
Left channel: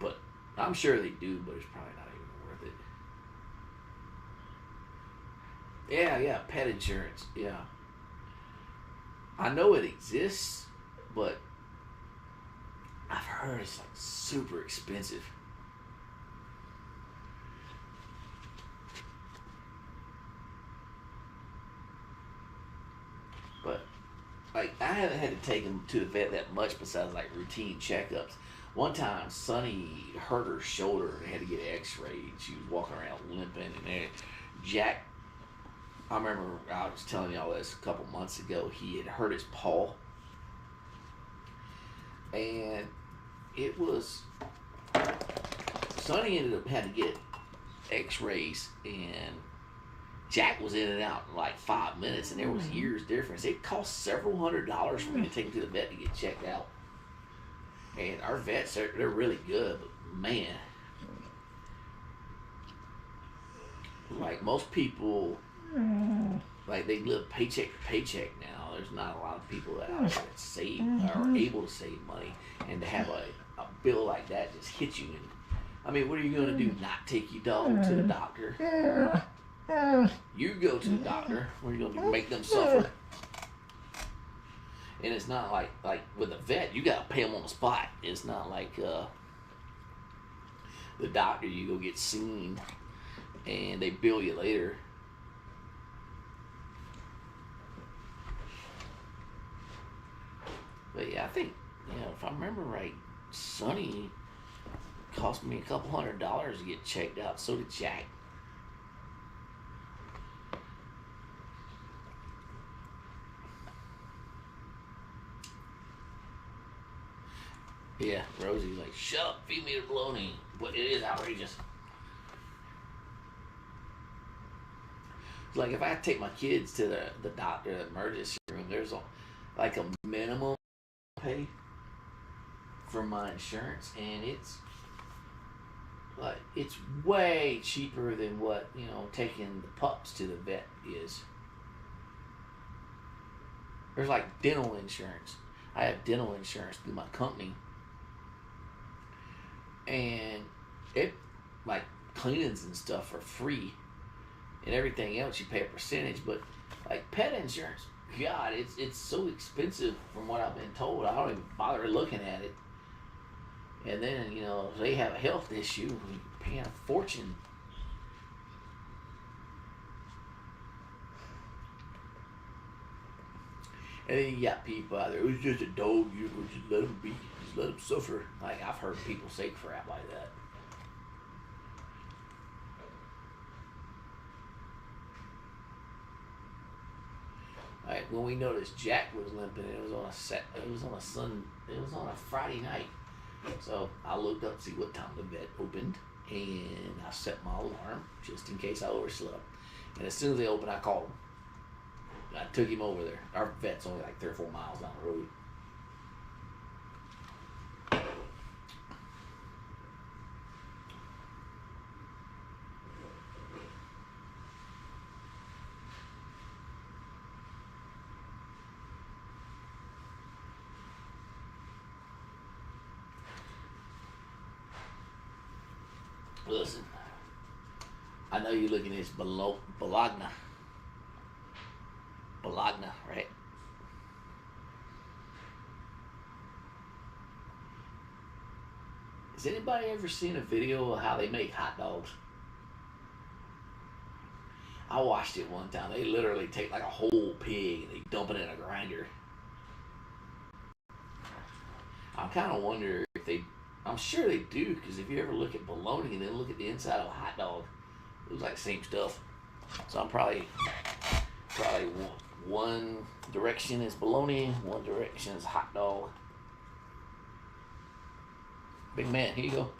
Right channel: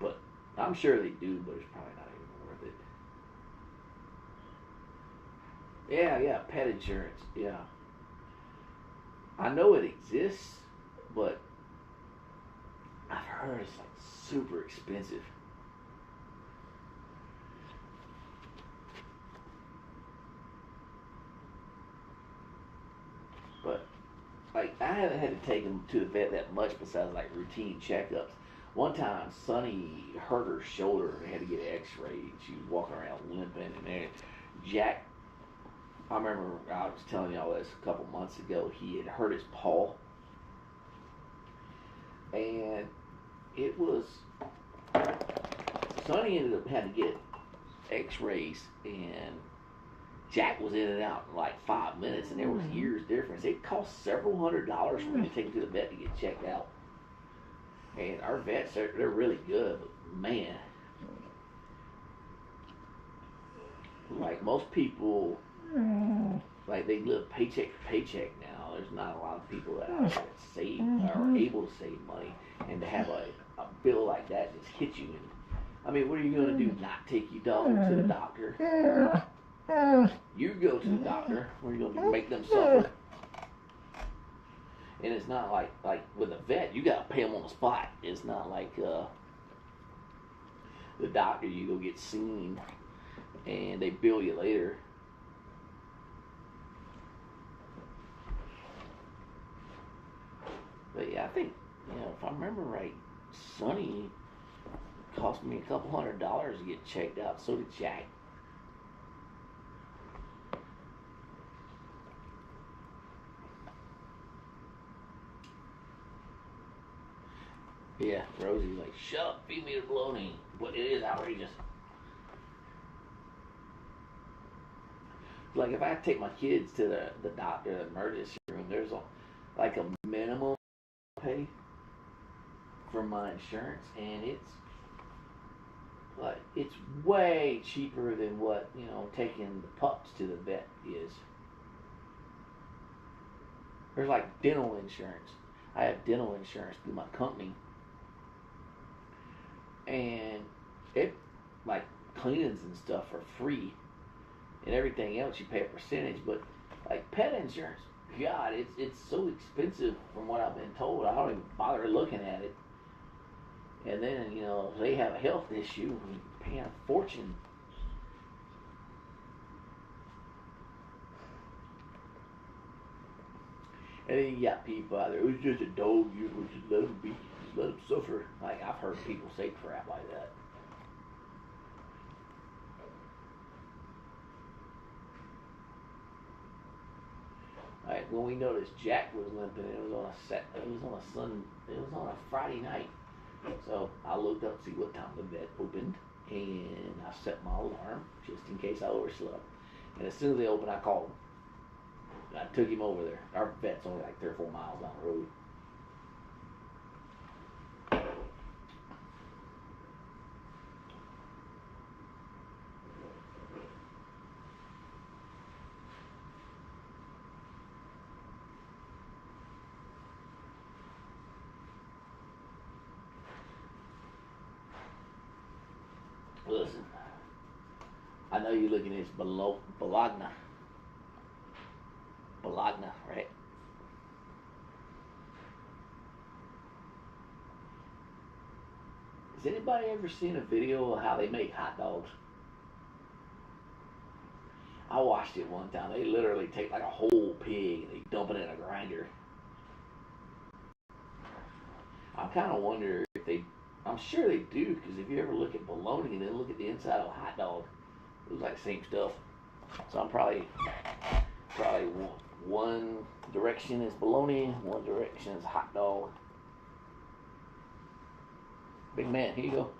but I'm sure they do, but it's probably not even worth it. Yeah, pet insurance. Yeah, I know it exists, but I've heard it's like super expensive. But like I haven't had to take him to the vet that much besides like routine checkups. One time, Sonny hurt her shoulder and had to get X-rayed. She was walking around limping, and then Jack. I remember I was telling y'all this a couple months ago. He had hurt his paw, and it was Sonny ended up had to get X-rays, and Jack was in and out in like 5 minutes, and there was years difference. It cost several $100s for me to take him to the vet to get checked out. And our vets, they're really good, but man, like most people, like they live paycheck to paycheck now. There's not a lot of people that out there that save or are able to save money, and to have a bill like that just hit you. And I mean, what are you gonna do? Not take your dog to the doctor? You go to the doctor. What are you gonna do? Make them suffer? And it's not like with a vet, you gotta pay them on the spot. It's not like the doctor, you go get seen and they bill you later. But yeah, I think, if I remember right, Sonny cost me a couple $100 to get checked out. So did Jack. Yeah, Rosie's like, shut up, feed me the bologna. But it is outrageous. It's like if I take my kids to the doctor, the emergency room, there's like a minimum pay for my insurance, and it's way cheaper than what taking the pups to the vet is. There's like dental insurance. I have dental insurance through my company, and it like cleanings and stuff are free, and everything else you pay a percentage. But like pet insurance, God, it's so expensive from what I've been told. I don't even bother looking at it. And then if they have a health issue, you're paying a fortune. And then you got people out there, it was just a dog, you just let him be, just let him suffer. Like, I've heard people say crap like that. Like, when we noticed Jack was limping, it was on a Friday night. So I looked up to see what time the vet opened, and I set my alarm just in case I overslept. And as soon as they opened, I called him. I took him over there. Our vet's only like 3 or 4 miles down the road. Listen, I know you're looking at this Bologna. Bologna, right? Has anybody ever seen a video of how they make hot dogs? I watched it one time. They literally take like a whole pig and they dump it in a grinder. I'm kind of wondering if I'm sure they do, because if you ever look at bologna and then look at the inside of a hot dog, it looks like the same stuff. So I'm probably one direction is bologna, one direction is hot dog. Big man, here you go.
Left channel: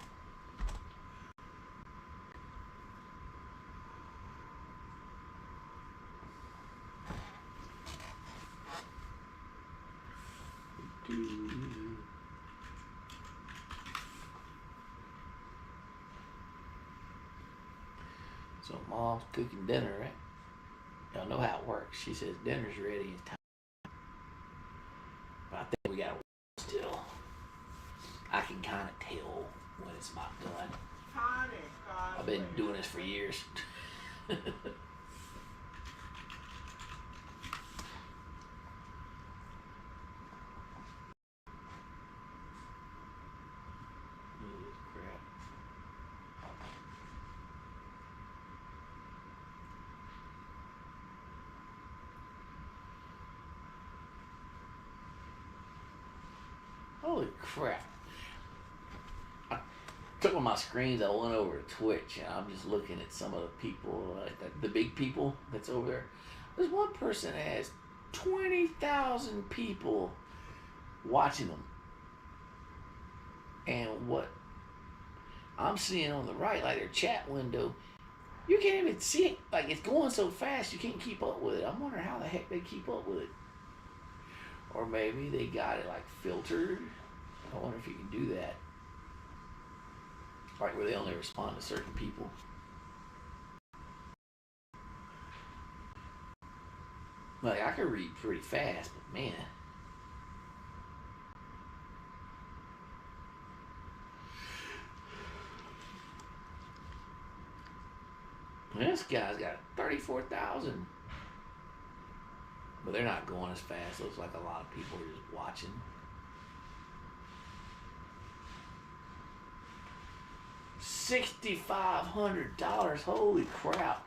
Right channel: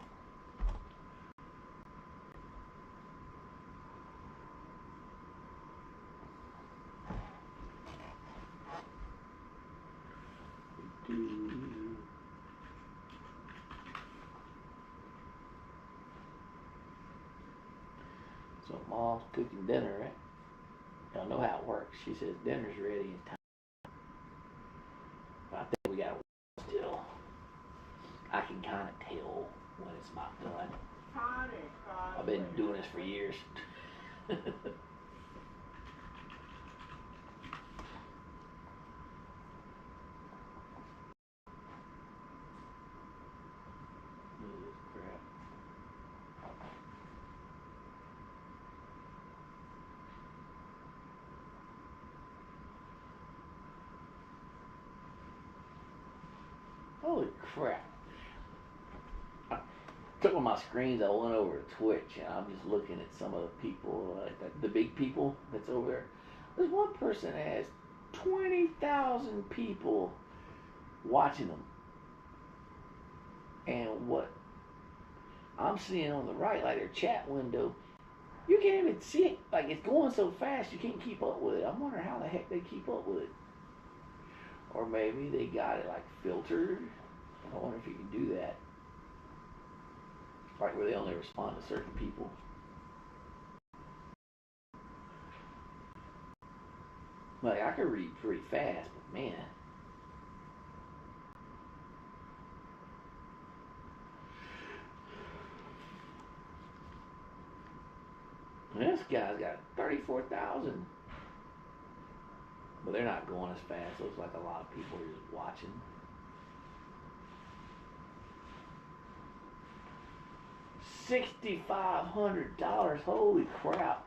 So mom's cooking dinner, right? Y'all know how it works. She says dinner's ready in time. But I think we got to still. I can kind of tell when it's not done. I've been doing this for years. Holy crap. I took on my screens, I went over to Twitch, and I'm just looking at some of the people, the big people that's over there. There's one person that has 20,000 people watching them. And what I'm seeing on the right, like their chat window, you can't even see it. Like, it's going so fast, you can't keep up with it. I'm wondering how the heck they keep up with it. Or maybe they got it like filtered. I wonder if you can do that. Like where they only respond to certain people. Like, I could read pretty fast, but man. This guy's got 34,000. but they're not going as fast. Looks like a lot of people are just watching. $6,500. Holy crap.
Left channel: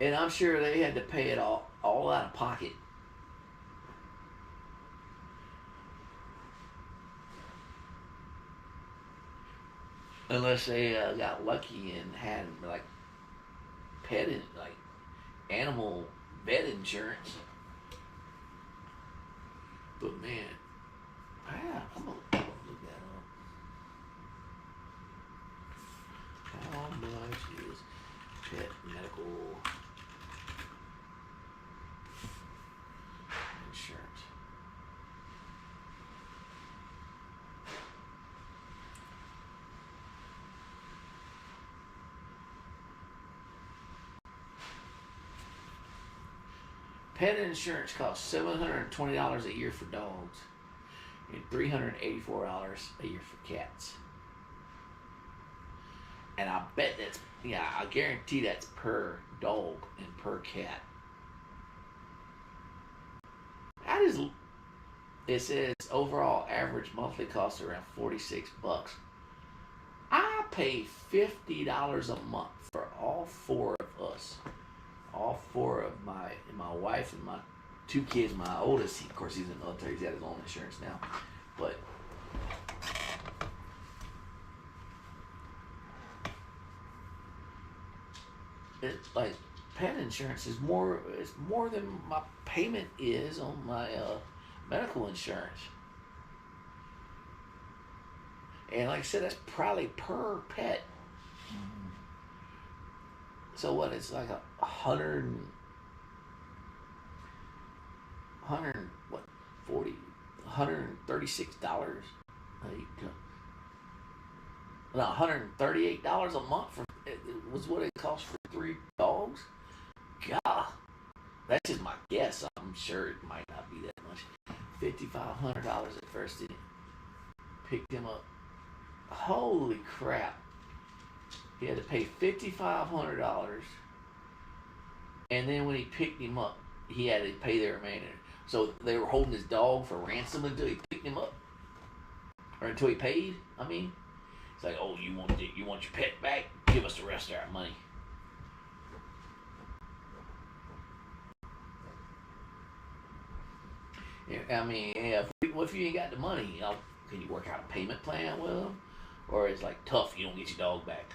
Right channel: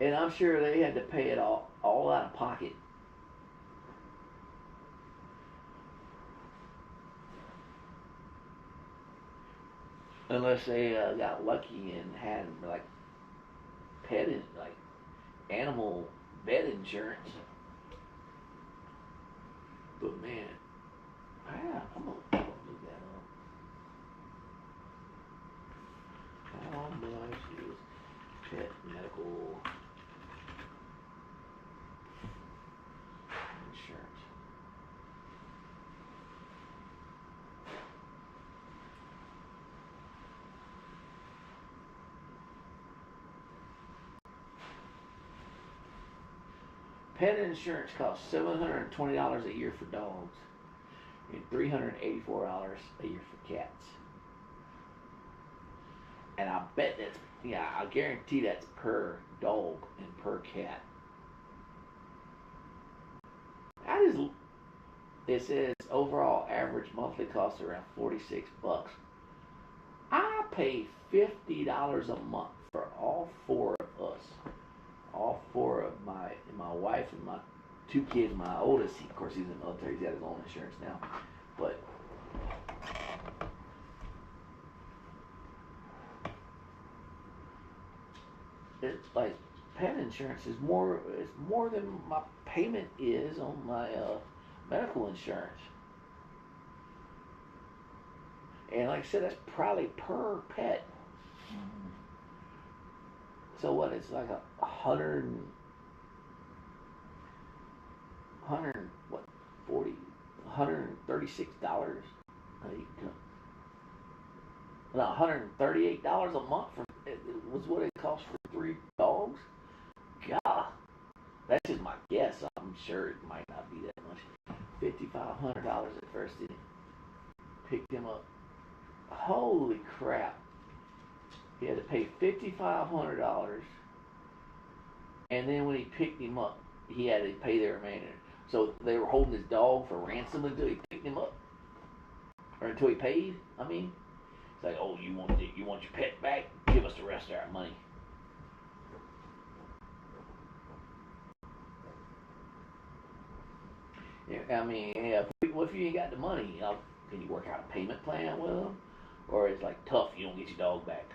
And I'm sure they had to pay it all out of pocket. Unless they got lucky and had like pet like animal vet insurance. But man, yeah, I'm gonna look that up. How much is pet medical insurance? Pet insurance costs $720 a year for dogs and $384 a year for cats. And I bet that's, yeah, I guarantee that's per dog and per cat. That is, it says overall average monthly cost around $46. I pay $50 a month for all four of us. All four of my wife and my two kids. My oldest, of course, he's in the military. He's got his own insurance now, but it's like pet insurance is more. It's more than my payment is on my medical insurance. And like I said, that's probably per pet. So what? It's like a hundred what 40 $136 no $138 a month for it was what it cost for 3 dogs. God, that's just my guess. I'm sure it might not be that much. $5,500 at first, didn't it? Picked him up. Holy crap. He had to pay $5,500, and then when he picked him up, he had to pay the remainder. So they were holding his dog for ransom until he picked him up, or until he paid. I mean, it's like, oh, you want your pet back? Give us the rest of our money. Yeah, I mean, yeah, what if you ain't got the money? Can you work out a payment plan with them, or it's like tough? You don't get your dog back.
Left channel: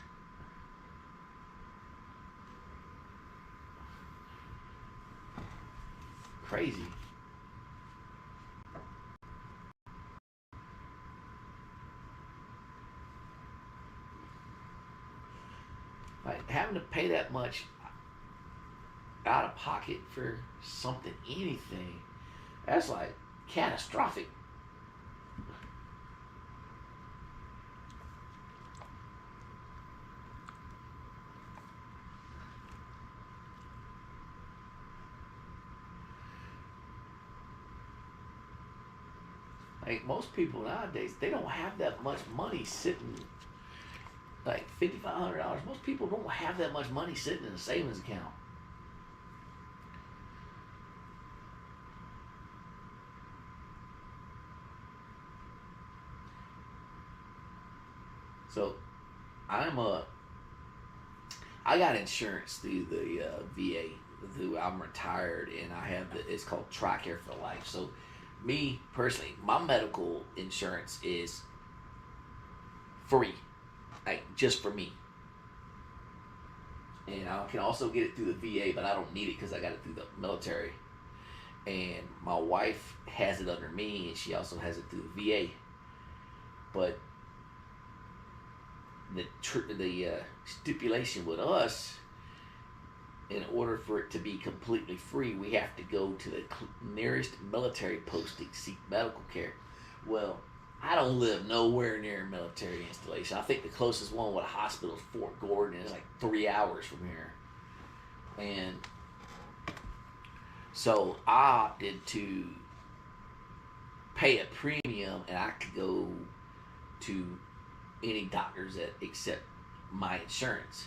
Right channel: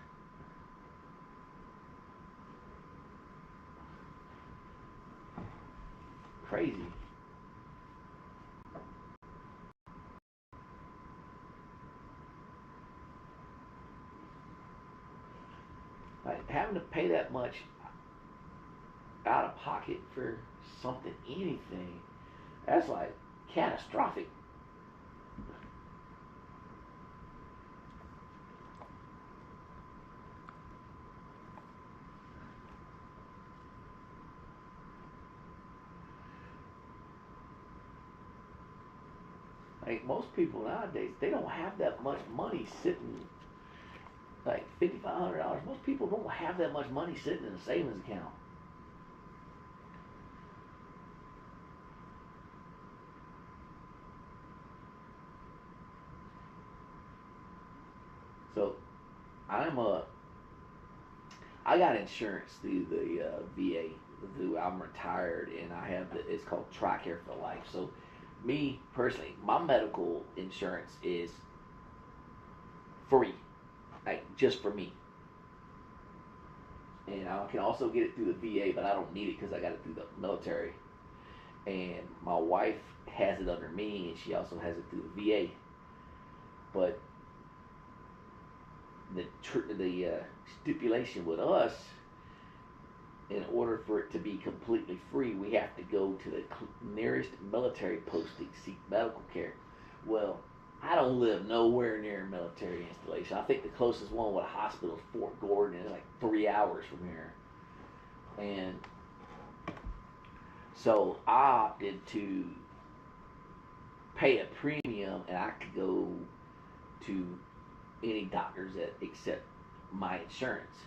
Crazy. Like having to pay that much out of pocket for something, anything, that's like catastrophic. Like most people nowadays, they don't have that much money sitting. Like $5,500. Most people don't have that much money sitting in a savings account. So I'm a I got insurance through the VA. Through I'm retired and I have it's called TRICARE for life. So me personally, my medical insurance is free, like just for me. And I can also get it through the VA, but I don't need it because I got it through the military. And my wife has it under me, and she also has it through the VA. But the stipulation with us, in order for it to be completely free, we have to go to the nearest military posting to seek medical care. Well, I don't live nowhere near a military installation. I think the closest one with a hospital is Fort Gordon, and it's like 3 hours from here. And so I opted to pay a premium, and I could go to any doctors that accept my insurance.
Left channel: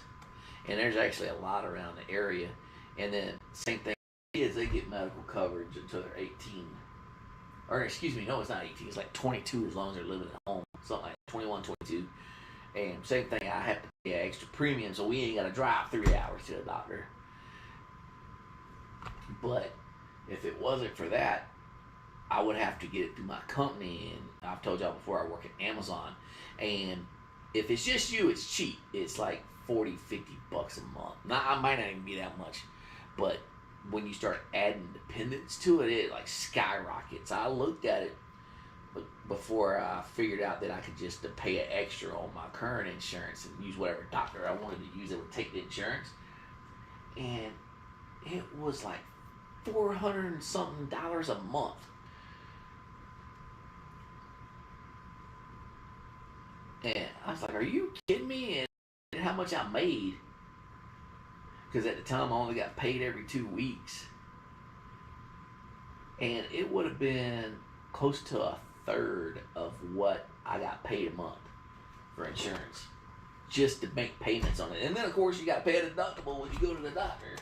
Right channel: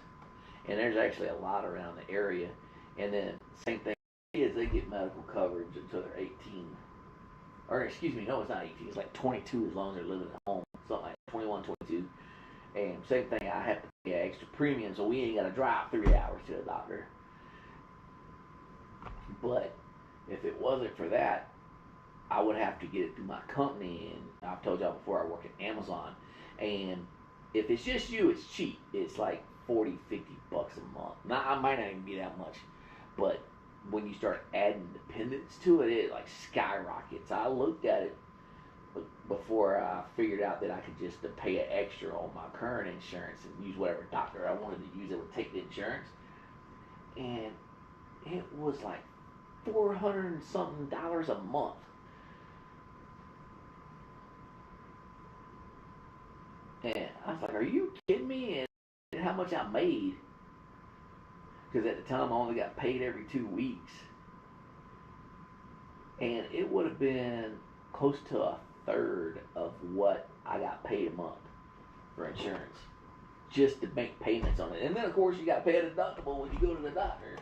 And there's actually a lot around the area. And then same thing kids, they get medical coverage until they're 18. Or excuse me, no, it's not 18. It's like 22 as long as they're living at home. Something like 21, 22. And same thing, I have to pay an extra premium, so we ain't got to drive 3 hours to the doctor. But if it wasn't for that, I would have to get it through my company. And I've told y'all before, I work at Amazon. And if it's just you, it's cheap. It's like 40, 50 bucks a month. Now, I might not even be that much. But when you start adding dependents to it, it like skyrockets. I looked at it before I figured out that I could just pay an extra on my current insurance and use whatever doctor I wanted to use that would take the insurance. And it was like $400 and something a month. And I was like, are you kidding me? And how much I made. Because at the time I only got paid every 2 weeks. And it would have been close to a third of what I got paid a month for insurance. Just to make payments on it. And then of course you got to pay a deductible when you go to the doctor.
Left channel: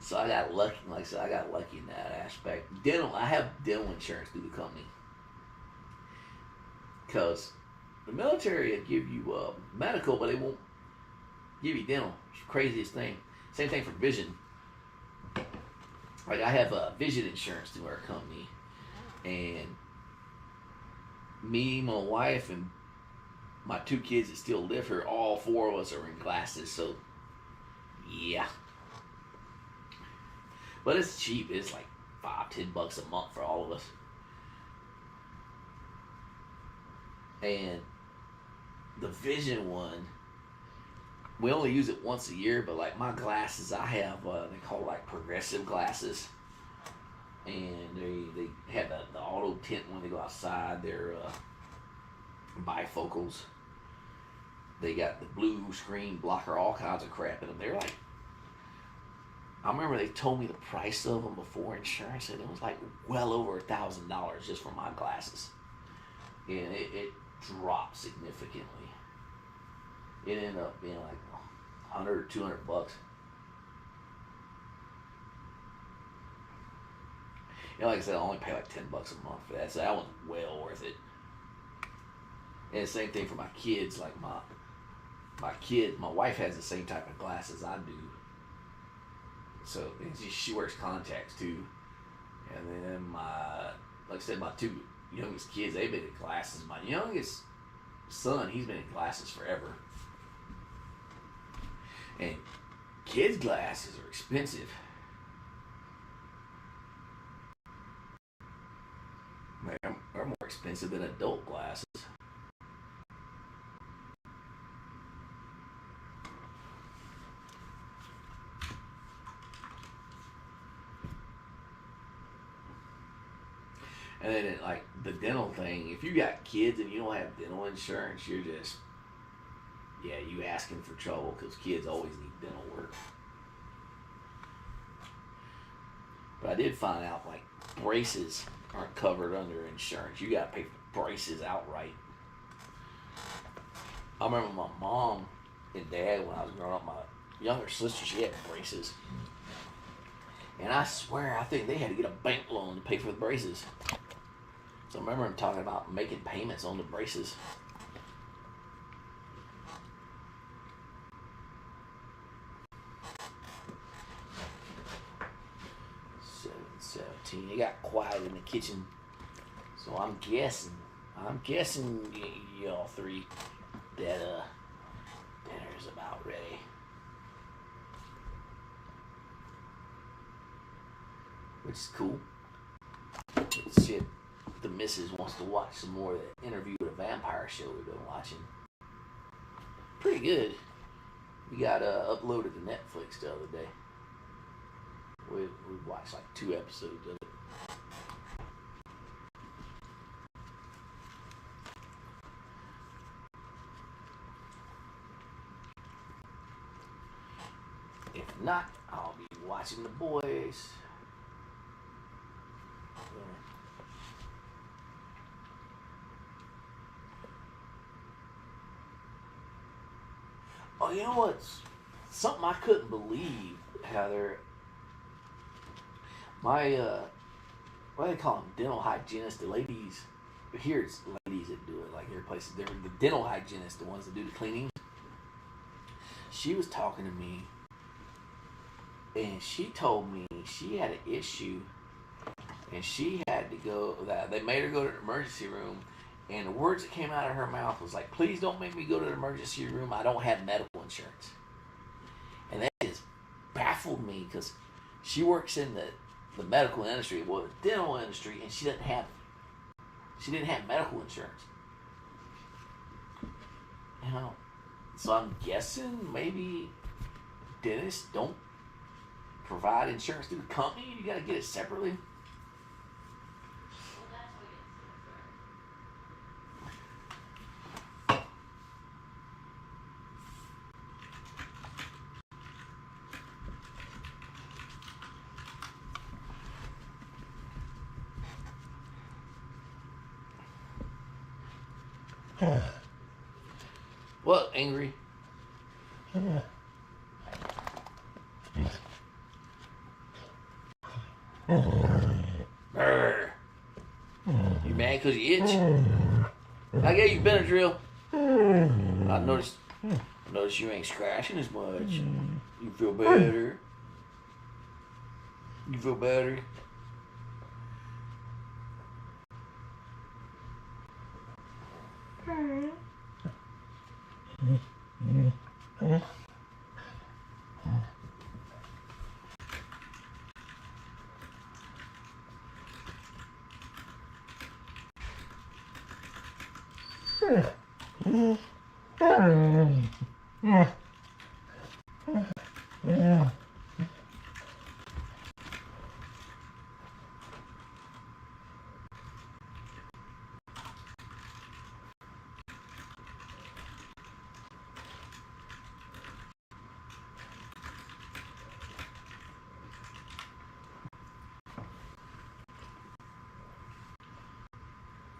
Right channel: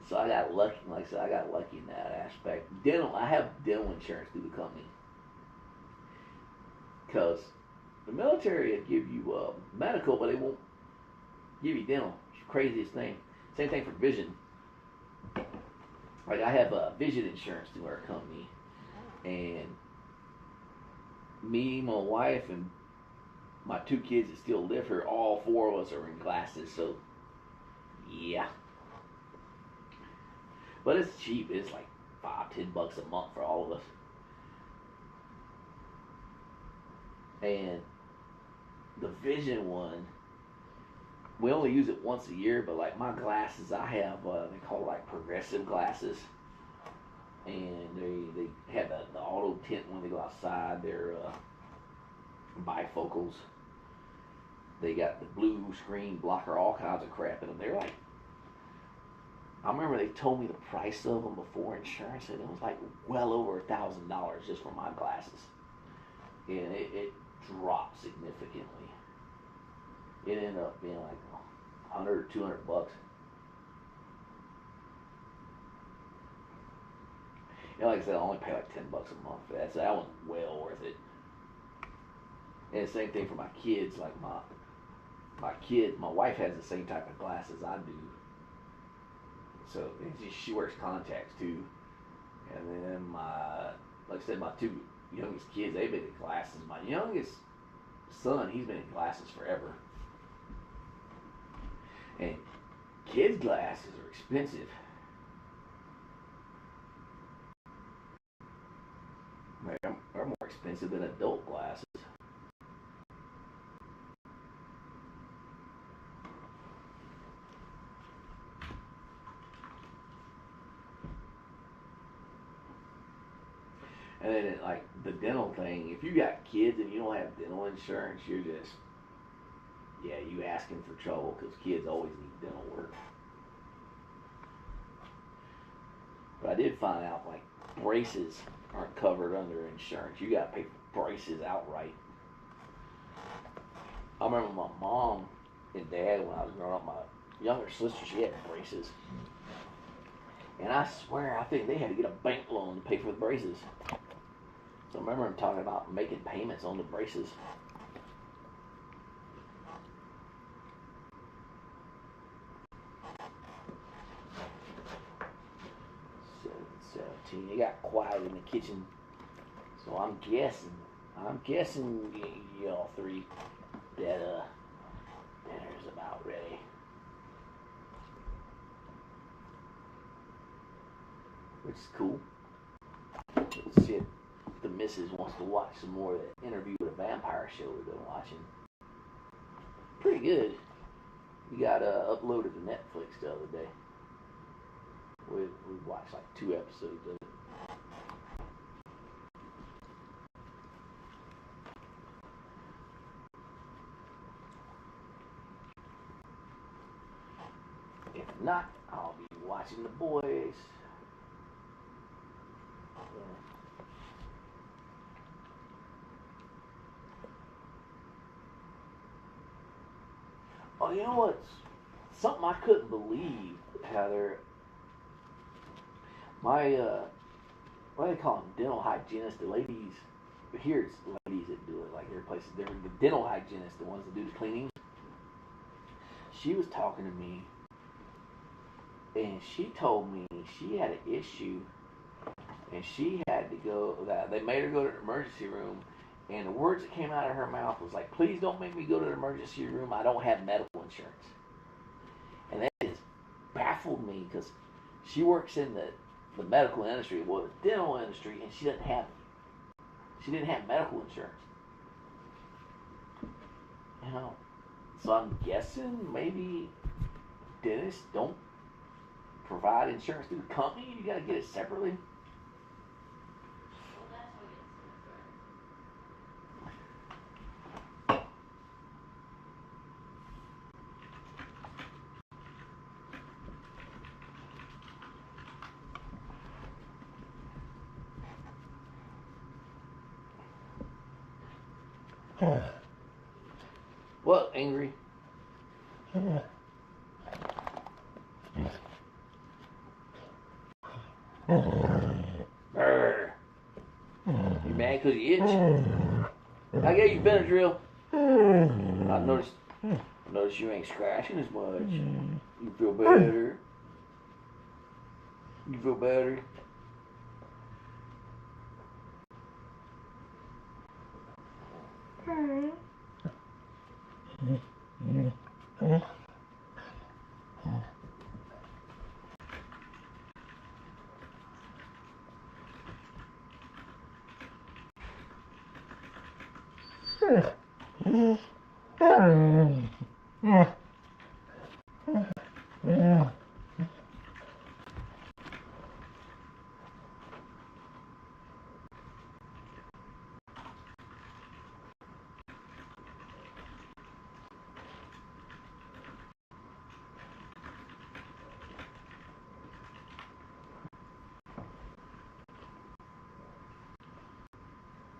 So I got lucky, like I said, I got lucky in that aspect. I have dental insurance through the company. Because the military will give you medical, but they won't give you dental. It's the craziest thing. Same thing for vision. Like I have vision insurance through our company. And me, my wife, and my 2 kids that still live here, all 4 of us are in glasses. So, yeah. But it's cheap. It's like $5-10 a month for all of us. And the vision one, we only use it once a year, but like my glasses, I have, they call like progressive glasses. And they have the auto tint when they go outside. They're bifocals. They got the blue screen blocker, all kinds of crap in them. They're like, I remember they told me the price of them before insurance, and it was like well over $1,000 just for my glasses. And it dropped significantly. It ended up being like $100 or $200. And like I said, I only pay like $10 a month for that, so that was well worth it. And the same thing for my kids. Like my wife has the same type of glasses I do. So she wears contacts too. And then like I said, my 2 youngest kids, they've been in glasses. My youngest son, he's been in glasses forever. And kids' glasses are expensive. They're more expensive than adult glasses. And then like the dental thing, if you got kids and you don't have dental insurance, you're just, yeah, you asking for trouble because kids always need dental work. But I did find out like braces aren't covered under insurance. You got to pay for braces outright. I remember my mom and dad when I was growing up, my younger sister, she had braces. And I swear, I think they had to get a bank loan to pay for the braces. So I remember him talking about making payments on the braces. 7:17. It got quiet in the kitchen, so I'm guessing y'all 3 that dinner's about ready. Which is cool. Let's see if the missus wants to watch some more of the interview with a vampire show we've been watching. Pretty good. We got uploaded to Netflix the other day. We watched like 2 episodes of it. If not, I'll be watching The Boys. Oh, you know what's something I couldn't believe, Heather. My what do they call them? Dental hygienists. The ladies here, it's ladies that do it. Like every place is different. The dental hygienists, the ones that do the cleaning. She was talking to me, and she told me she had an issue, and she had to go. That they made her go to the emergency room, and the words that came out of her mouth was like, "Please don't make me go to the emergency room. I don't have medical insurance." And that just baffled me because she works in the medical industry, well, the dental industry, and she didn't have medical insurance. You know, so I'm guessing maybe dentists don't provide insurance through the company. You got to get it separately. What, angry? Brr. You mad because you itch? I gave you Benadryl. I noticed you ain't scratching as much. You feel better? You feel better?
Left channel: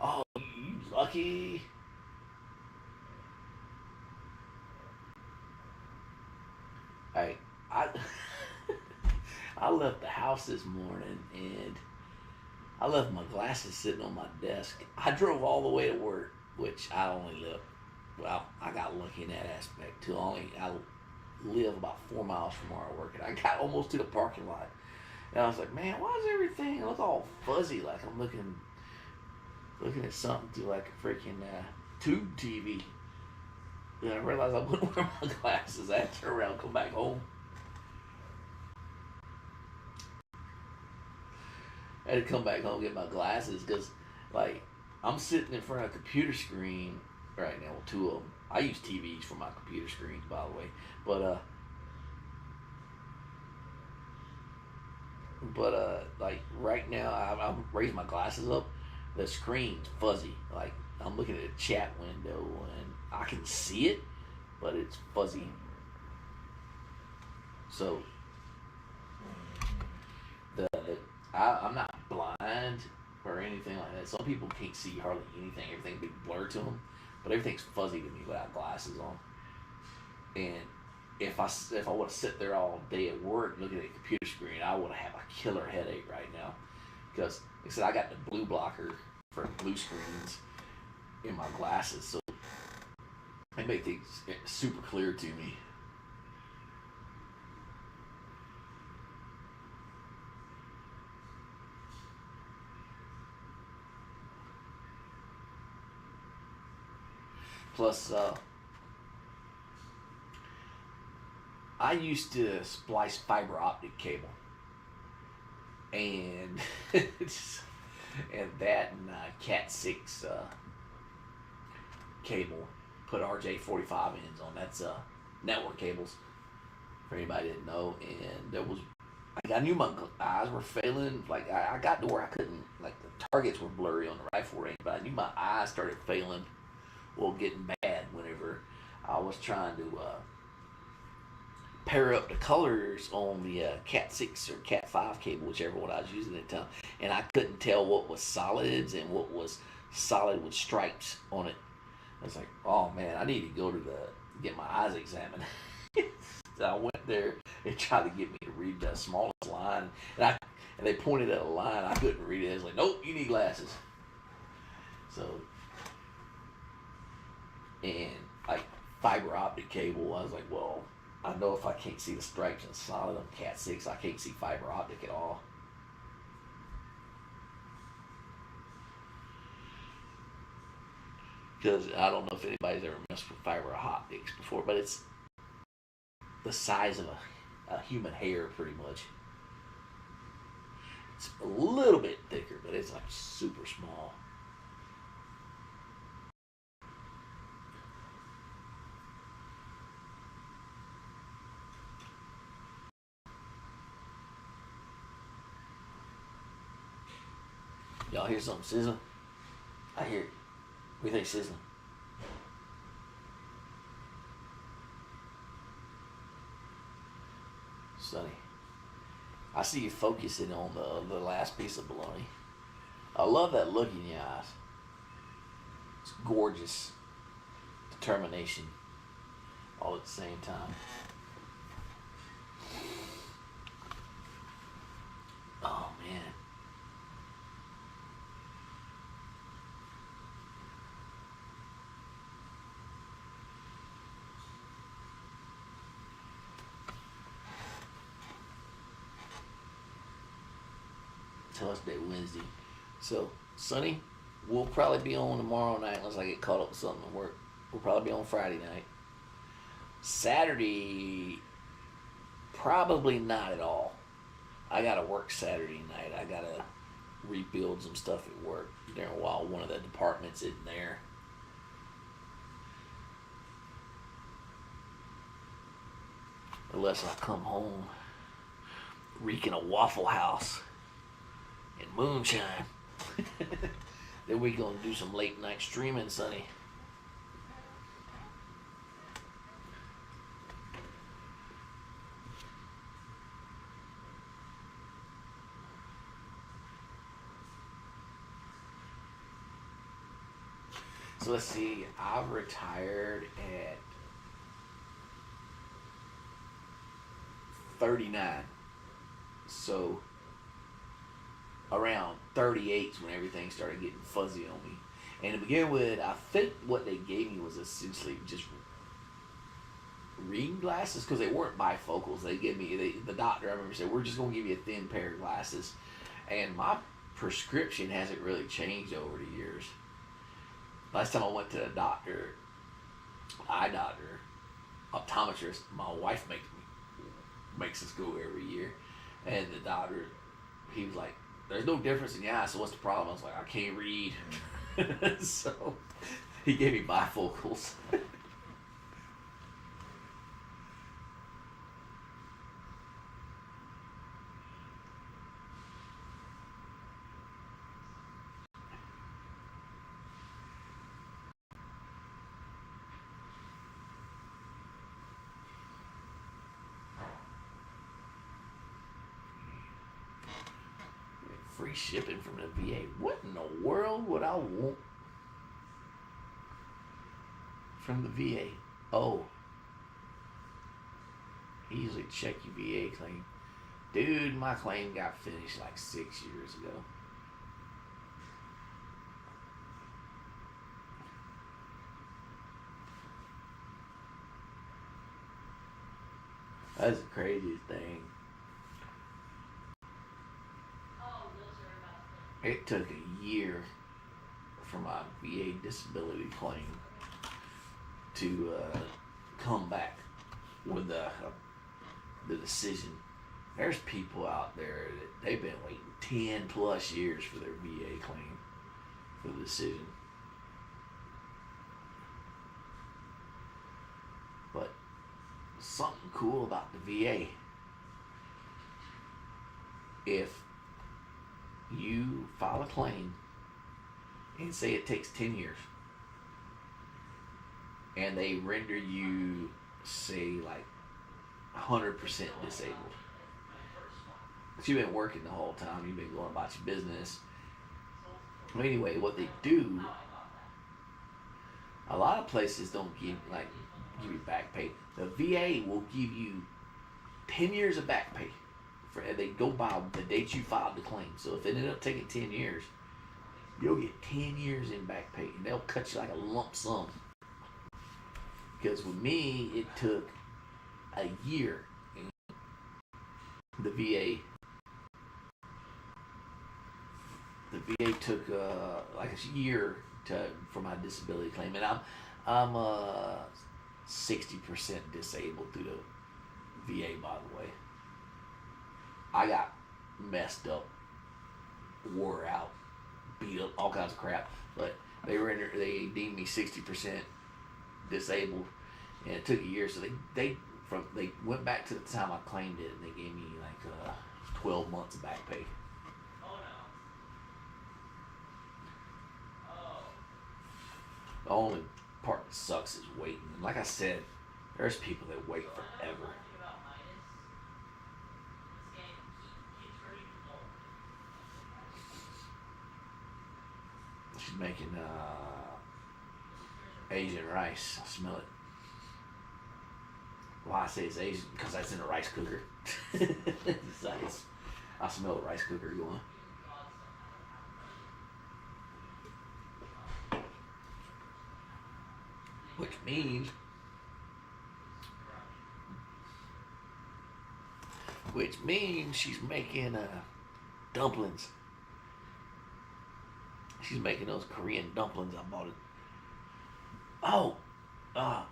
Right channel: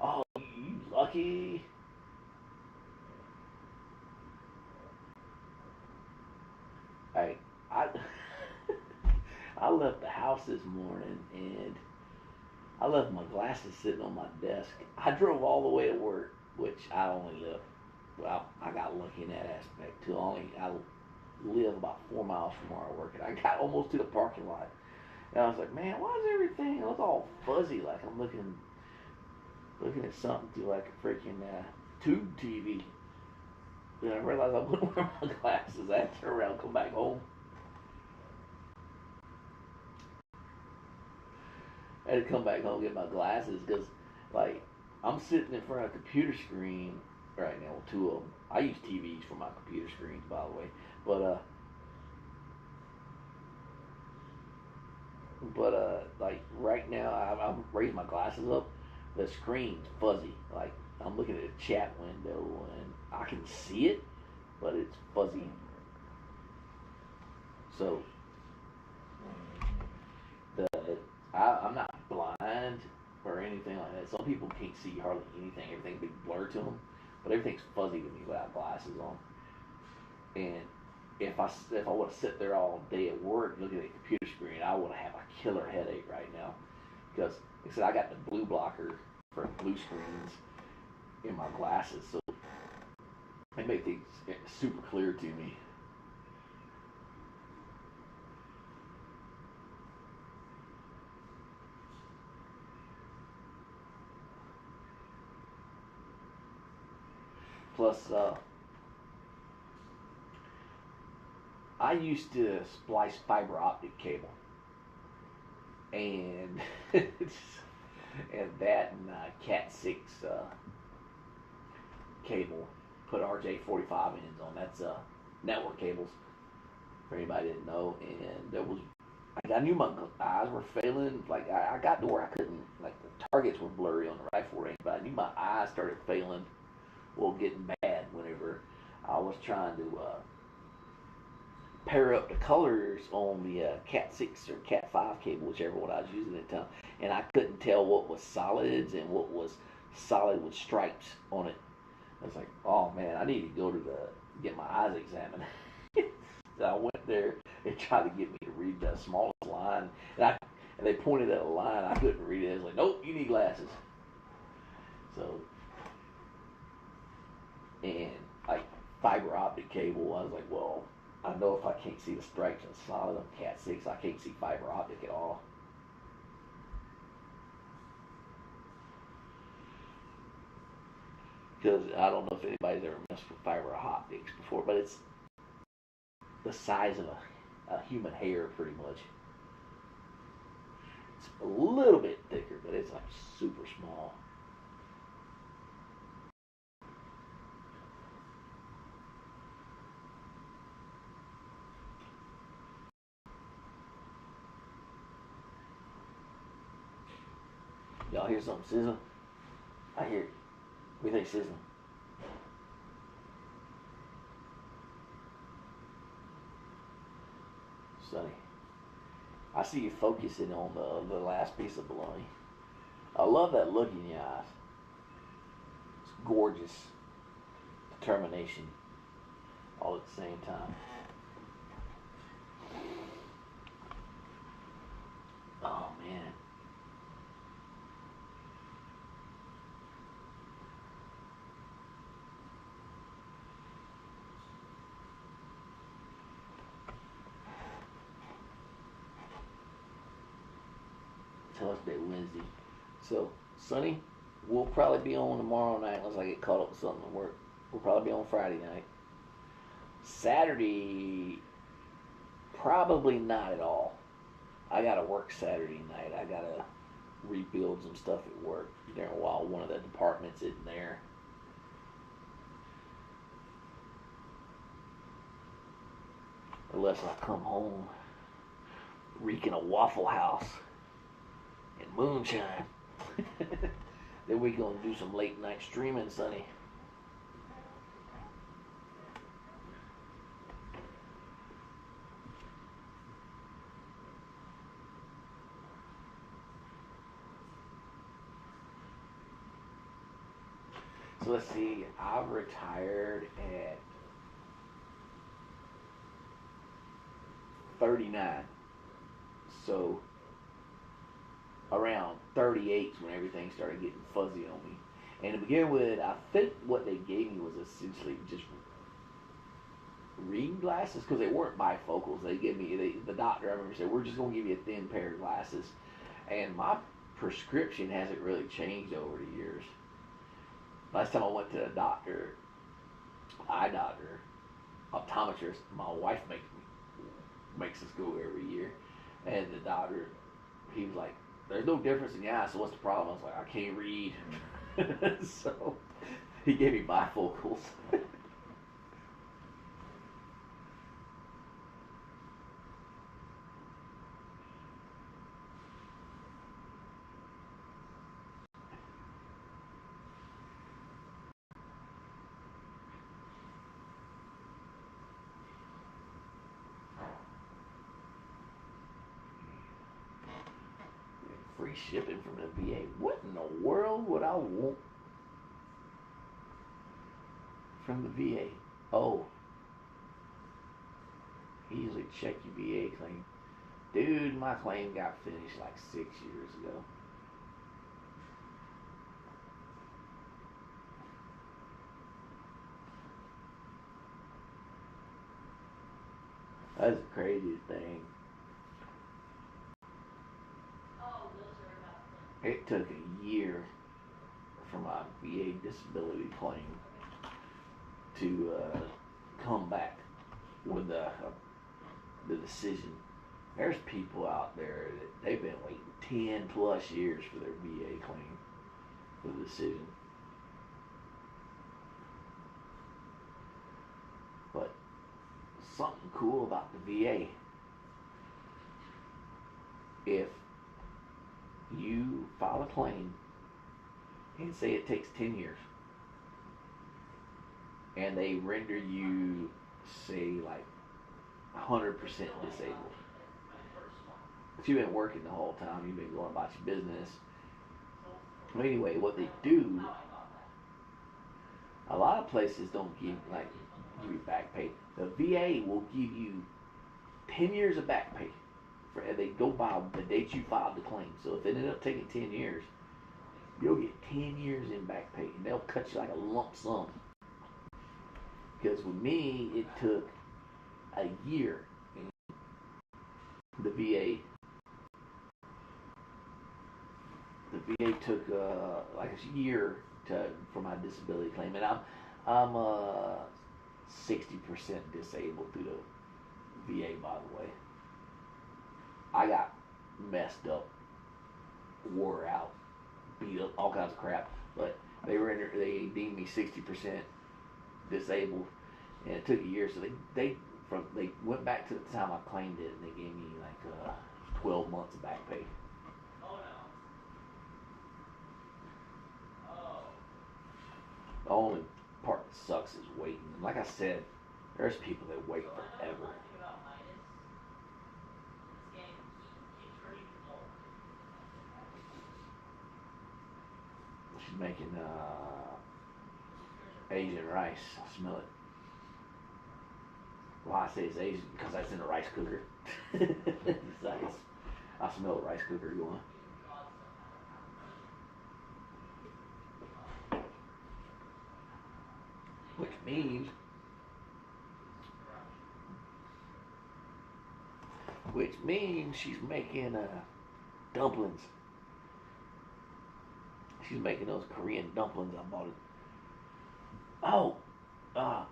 Oh, you lucky. Hey, I I left the house this morning and I left my glasses sitting on my desk. I drove all the way to work, which I only live. Well, I got lucky in that aspect too. I live about 4 miles from where I work, and I got almost to the parking lot, and I was like, man, why does everything look all fuzzy? Like I'm looking at something through like a freaking tube TV. Then I realized I wouldn't wear my glasses. I had to turn around and come back home. I had to come back home and get my glasses because, like, I'm sitting in front of a computer screen right now, two of them. I use TVs for my computer screens, by the way. Like right now, I'm raising my glasses up. The screen's fuzzy. Like I'm looking at a chat window and I can see it, but it's fuzzy. So I'm not blind or anything like that. Some people can't see hardly anything. Everything big blur to them, but everything's fuzzy to me without glasses on. And if I would have sit there all day at work looking at a computer screen, I would have a killer headache right now. Because like I said, I got the blue blocker for blue screens in my glasses, so they make things super clear to me. Plus, I used to splice fiber optic cable, and and that and Cat 6 cable. Put RJ45 ends on. That's network cables for anybody that didn't know. And there was, like, I knew my eyes were failing. Like I got to where I couldn't. Like the targets were blurry on the rifle range, but I knew my eyes started failing. Well, getting bad whenever I was trying to pair up the colors on the Cat 6 or Cat 5 cable, whichever one I was using at the time, and I couldn't tell what was solids and what was solid with stripes on it. I was like, oh man, I need to go to the get my eyes examined. So I went there and tried to get me to read the smallest line, and they pointed at a line I couldn't read it. I was like, nope, you need glasses. So, and like fiber optic cable, I was like, well, I know if I can't see the stripes and solid on Cat 6, I can't see fiber optic at all. Because I don't know if anybody's ever messed with fiber optics before, but it's the size of a human hair pretty much. It's a little bit thicker, but it's like super small. Y'all hear something sizzling? I hear it. What do you think sizzling? Sonny, I see you focusing on the last piece of bologna. I love that look in your eyes. It's gorgeous. Determination all at the same time. Oh man. Tell us that Wednesday. So, Sonny, we'll probably be on tomorrow night unless I get caught up with something at work. We'll probably be on Friday night. Saturday, probably not at all. I gotta work Saturday night. I gotta rebuild some stuff at work during while one of the departments isn't there. Unless I come home reeking a Waffle House and moonshine. Then we gonna do some late night streaming, Sonny. So let's see. I retired at 39. So around 38 is when everything started getting fuzzy on me. And to begin with, I think what they gave me was essentially just reading glasses because they weren't bifocals. They gave me the doctor. I remember said, "We're just going to give you a thin pair of glasses," and my prescription hasn't really changed over the years. Last time I went to a doctor, eye doctor, optometrist, my wife makes us go every year, and the doctor, he was like, "There's no difference in your eyes, so what's the problem?" I was like, "I can't read." So he gave me bifocals. Free shipping from the VA. What in the world would I want from the VA? Oh, he usually check your VA claim. Dude, my claim got finished like 6 years ago. That's the craziest thing. It took a year for my VA disability claim to come back with the decision. There's people out there that they've been waiting 10 plus years for their VA claim for the decision. But something cool about the VA, if you file a claim and say it takes 10 years and they render you, say, like 100% disabled, but you've been working the whole time, you've been going about your business. Anyway, what they do, a lot of places don't give, like, give you back pay. The VA will give you 10 years of back pay. They go by the date you filed the claim. So if it ended up taking 10 years, you'll get 10 years in back pay. And they'll cut you like a lump sum. Because with me, it took a year. The VA took like a year for my disability claim, and I'm 60% disabled through the VA. By the way, I got messed up, wore out, beat up, all kinds of crap. But they deemed me 60% disabled, and it took a year. So they went back to the time I claimed it, and they gave me like 12 months of back pay. The only part that sucks is waiting. And like I said, there's people that wait forever. She's making Asian rice. I smell it. Why I say it's Asian? Because that's in a rice cooker. I smell a rice cooker going. Which means she's making dumplings. She's making those Korean dumplings. I bought it. Oh, I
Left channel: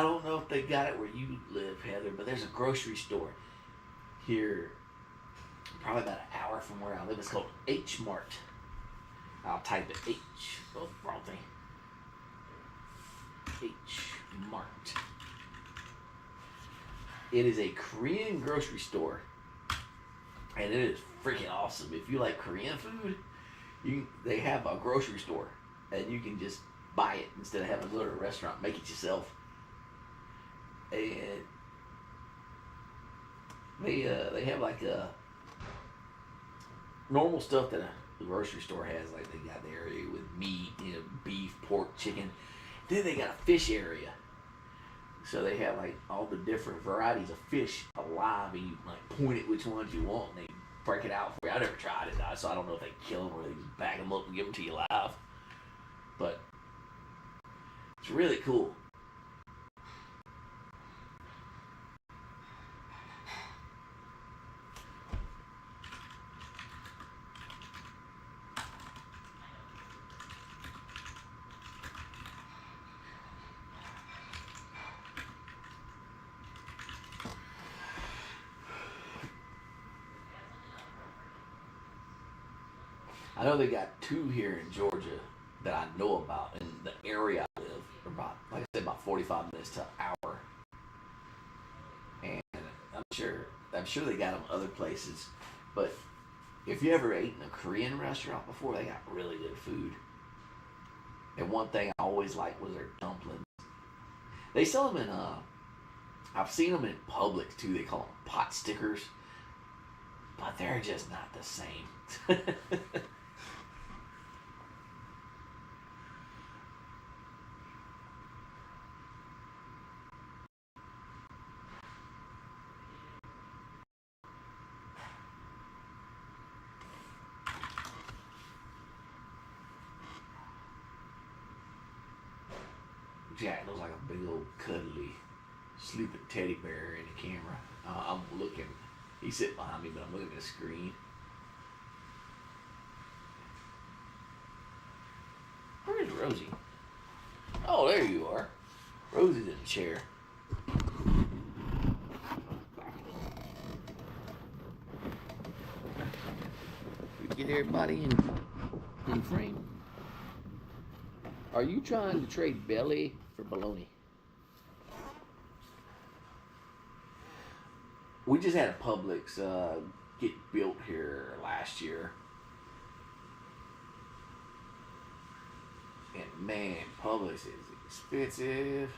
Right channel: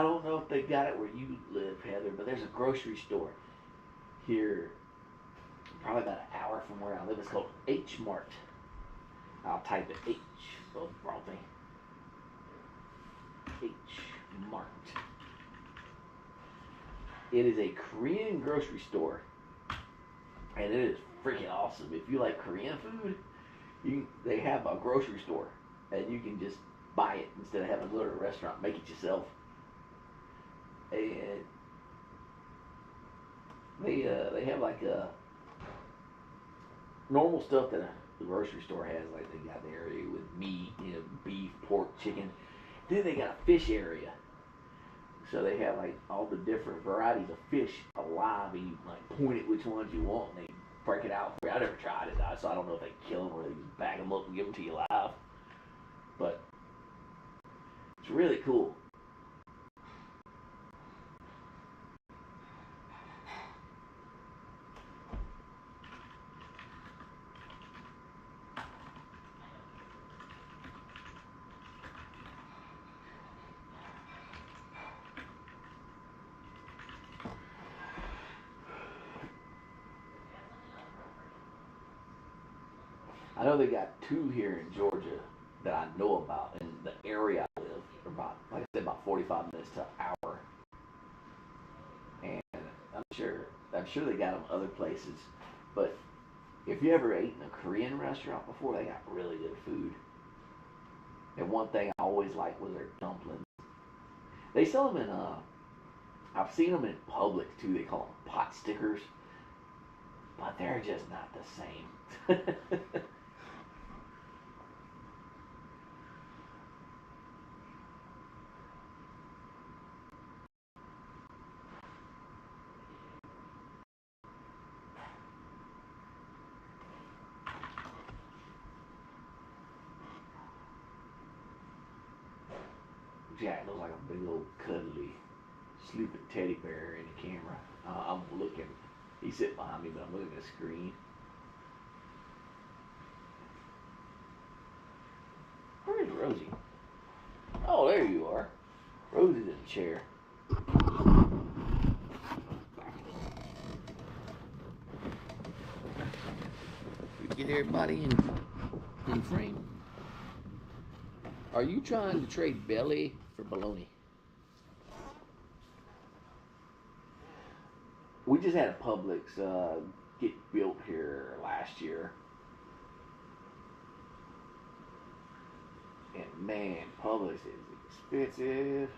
don't know if they got it where you live, Heather, but there's a grocery store here, probably about an hour from where I live. It's called H Mart. I'll type it H. Oh, wrong thing. H Mart. It is a Korean grocery store, and it is freaking awesome. If you like Korean food, they have a grocery store, and you can just buy it instead of having to go to a restaurant. Make it yourself. And they have like normal stuff that the grocery store has. Like they got the area with meat, beef, pork, chicken. Then they got a fish area. So they have like all the different varieties of fish alive, and you like point at which ones you want, and they break it out for you. I never tried it, so I don't know if they kill them or they just bag them up and give them to you live. But it's really cool. I know they got two here in Georgia that I know about in the area I live. About, like I said, about 45 minutes to an hour. And I'm sure they got them other places. But if you ever ate in a Korean restaurant before, they got really good food. And one thing I always liked was their dumplings. They sell them in I've seen them in Publix too. They call them pot stickers, but they're just not the same. Jack looks like a big old cuddly sleeping teddy bear in the camera. I'm looking. He's sitting behind me, but I'm looking at the screen. Where is Rosie? Oh, there you are. Rosie's in the chair. We get everybody in frame. Are you trying to trade belly for bologna? We just had a Publix get built here last year. And man, Publix is expensive.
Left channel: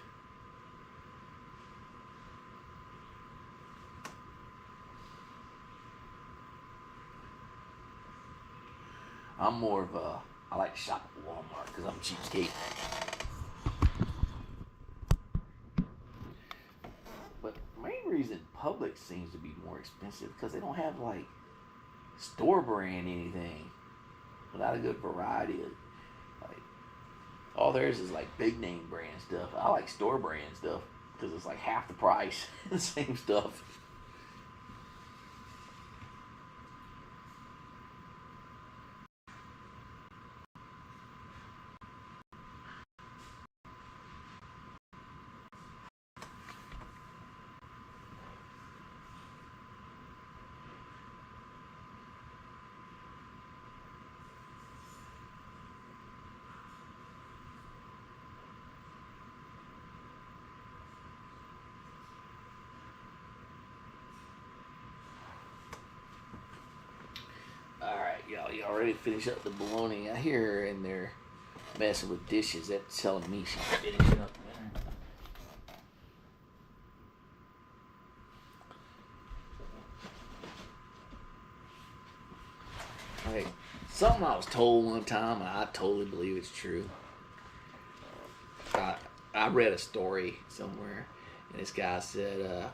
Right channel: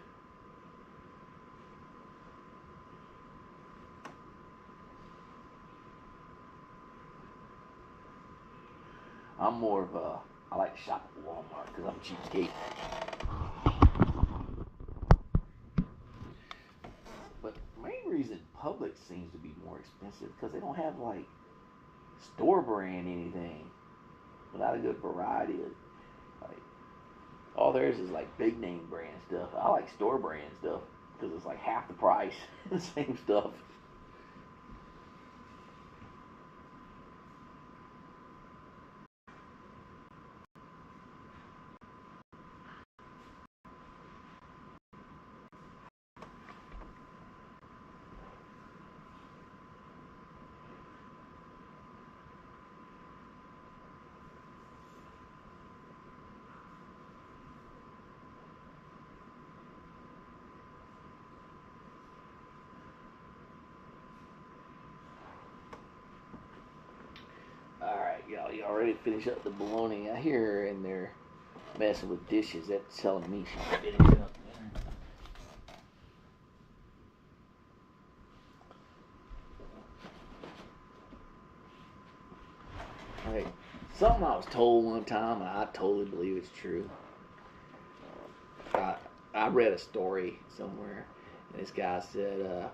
I'm more of a, I like to shop at Walmart because I'm a cheapskate. reason Publix seems to be more expensive because they don't have like store brand anything without a good variety of like all theirs is like big name brand stuff. I like store brand stuff because it's like half the price, the same stuff. Alright, y'all ready to finish up the bologna? I hear her in there messing with dishes. That's telling me she's finishing up dinner. Alright, something I was told one time, and I totally believe it's true. I read a story somewhere, and this guy said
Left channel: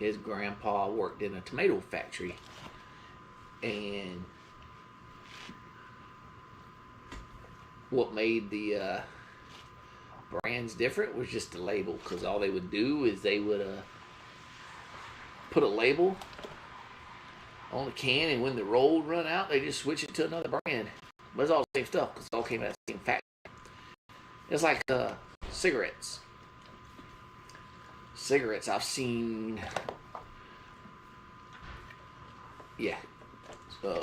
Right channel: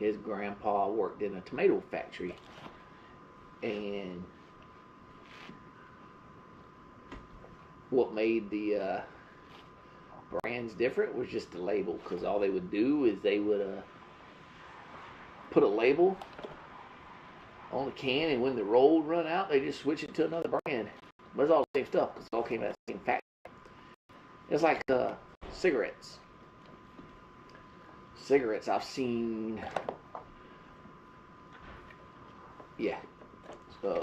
his grandpa worked in a tomato factory, and what made the brands different was just the label, because all they would do is they would put a label on the can, and when the roll would run out, they just switch it to another brand. But it's all the same stuff because it all came out of the same factory. It's like cigarettes. Cigarettes, I've seen. Yeah.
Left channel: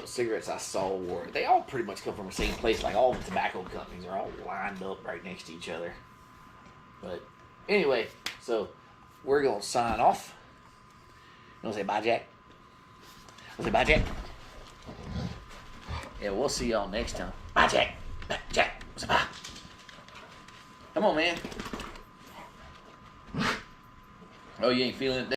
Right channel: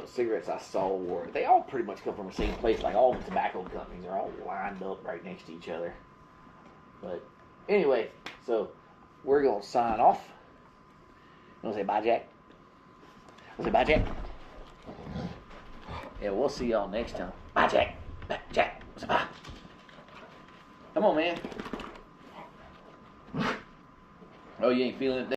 Cigarettes I saw were, they all pretty much come from the same place. Like all the tobacco companies are all lined up right next to each other. But anyway, so we're going to sign off. You want to say bye, Jack? Want to say bye, Jack? Yeah, we'll see y'all next time. Bye, Jack. Bye, Jack. Say bye. Come on, man. Oh, you ain't feeling it?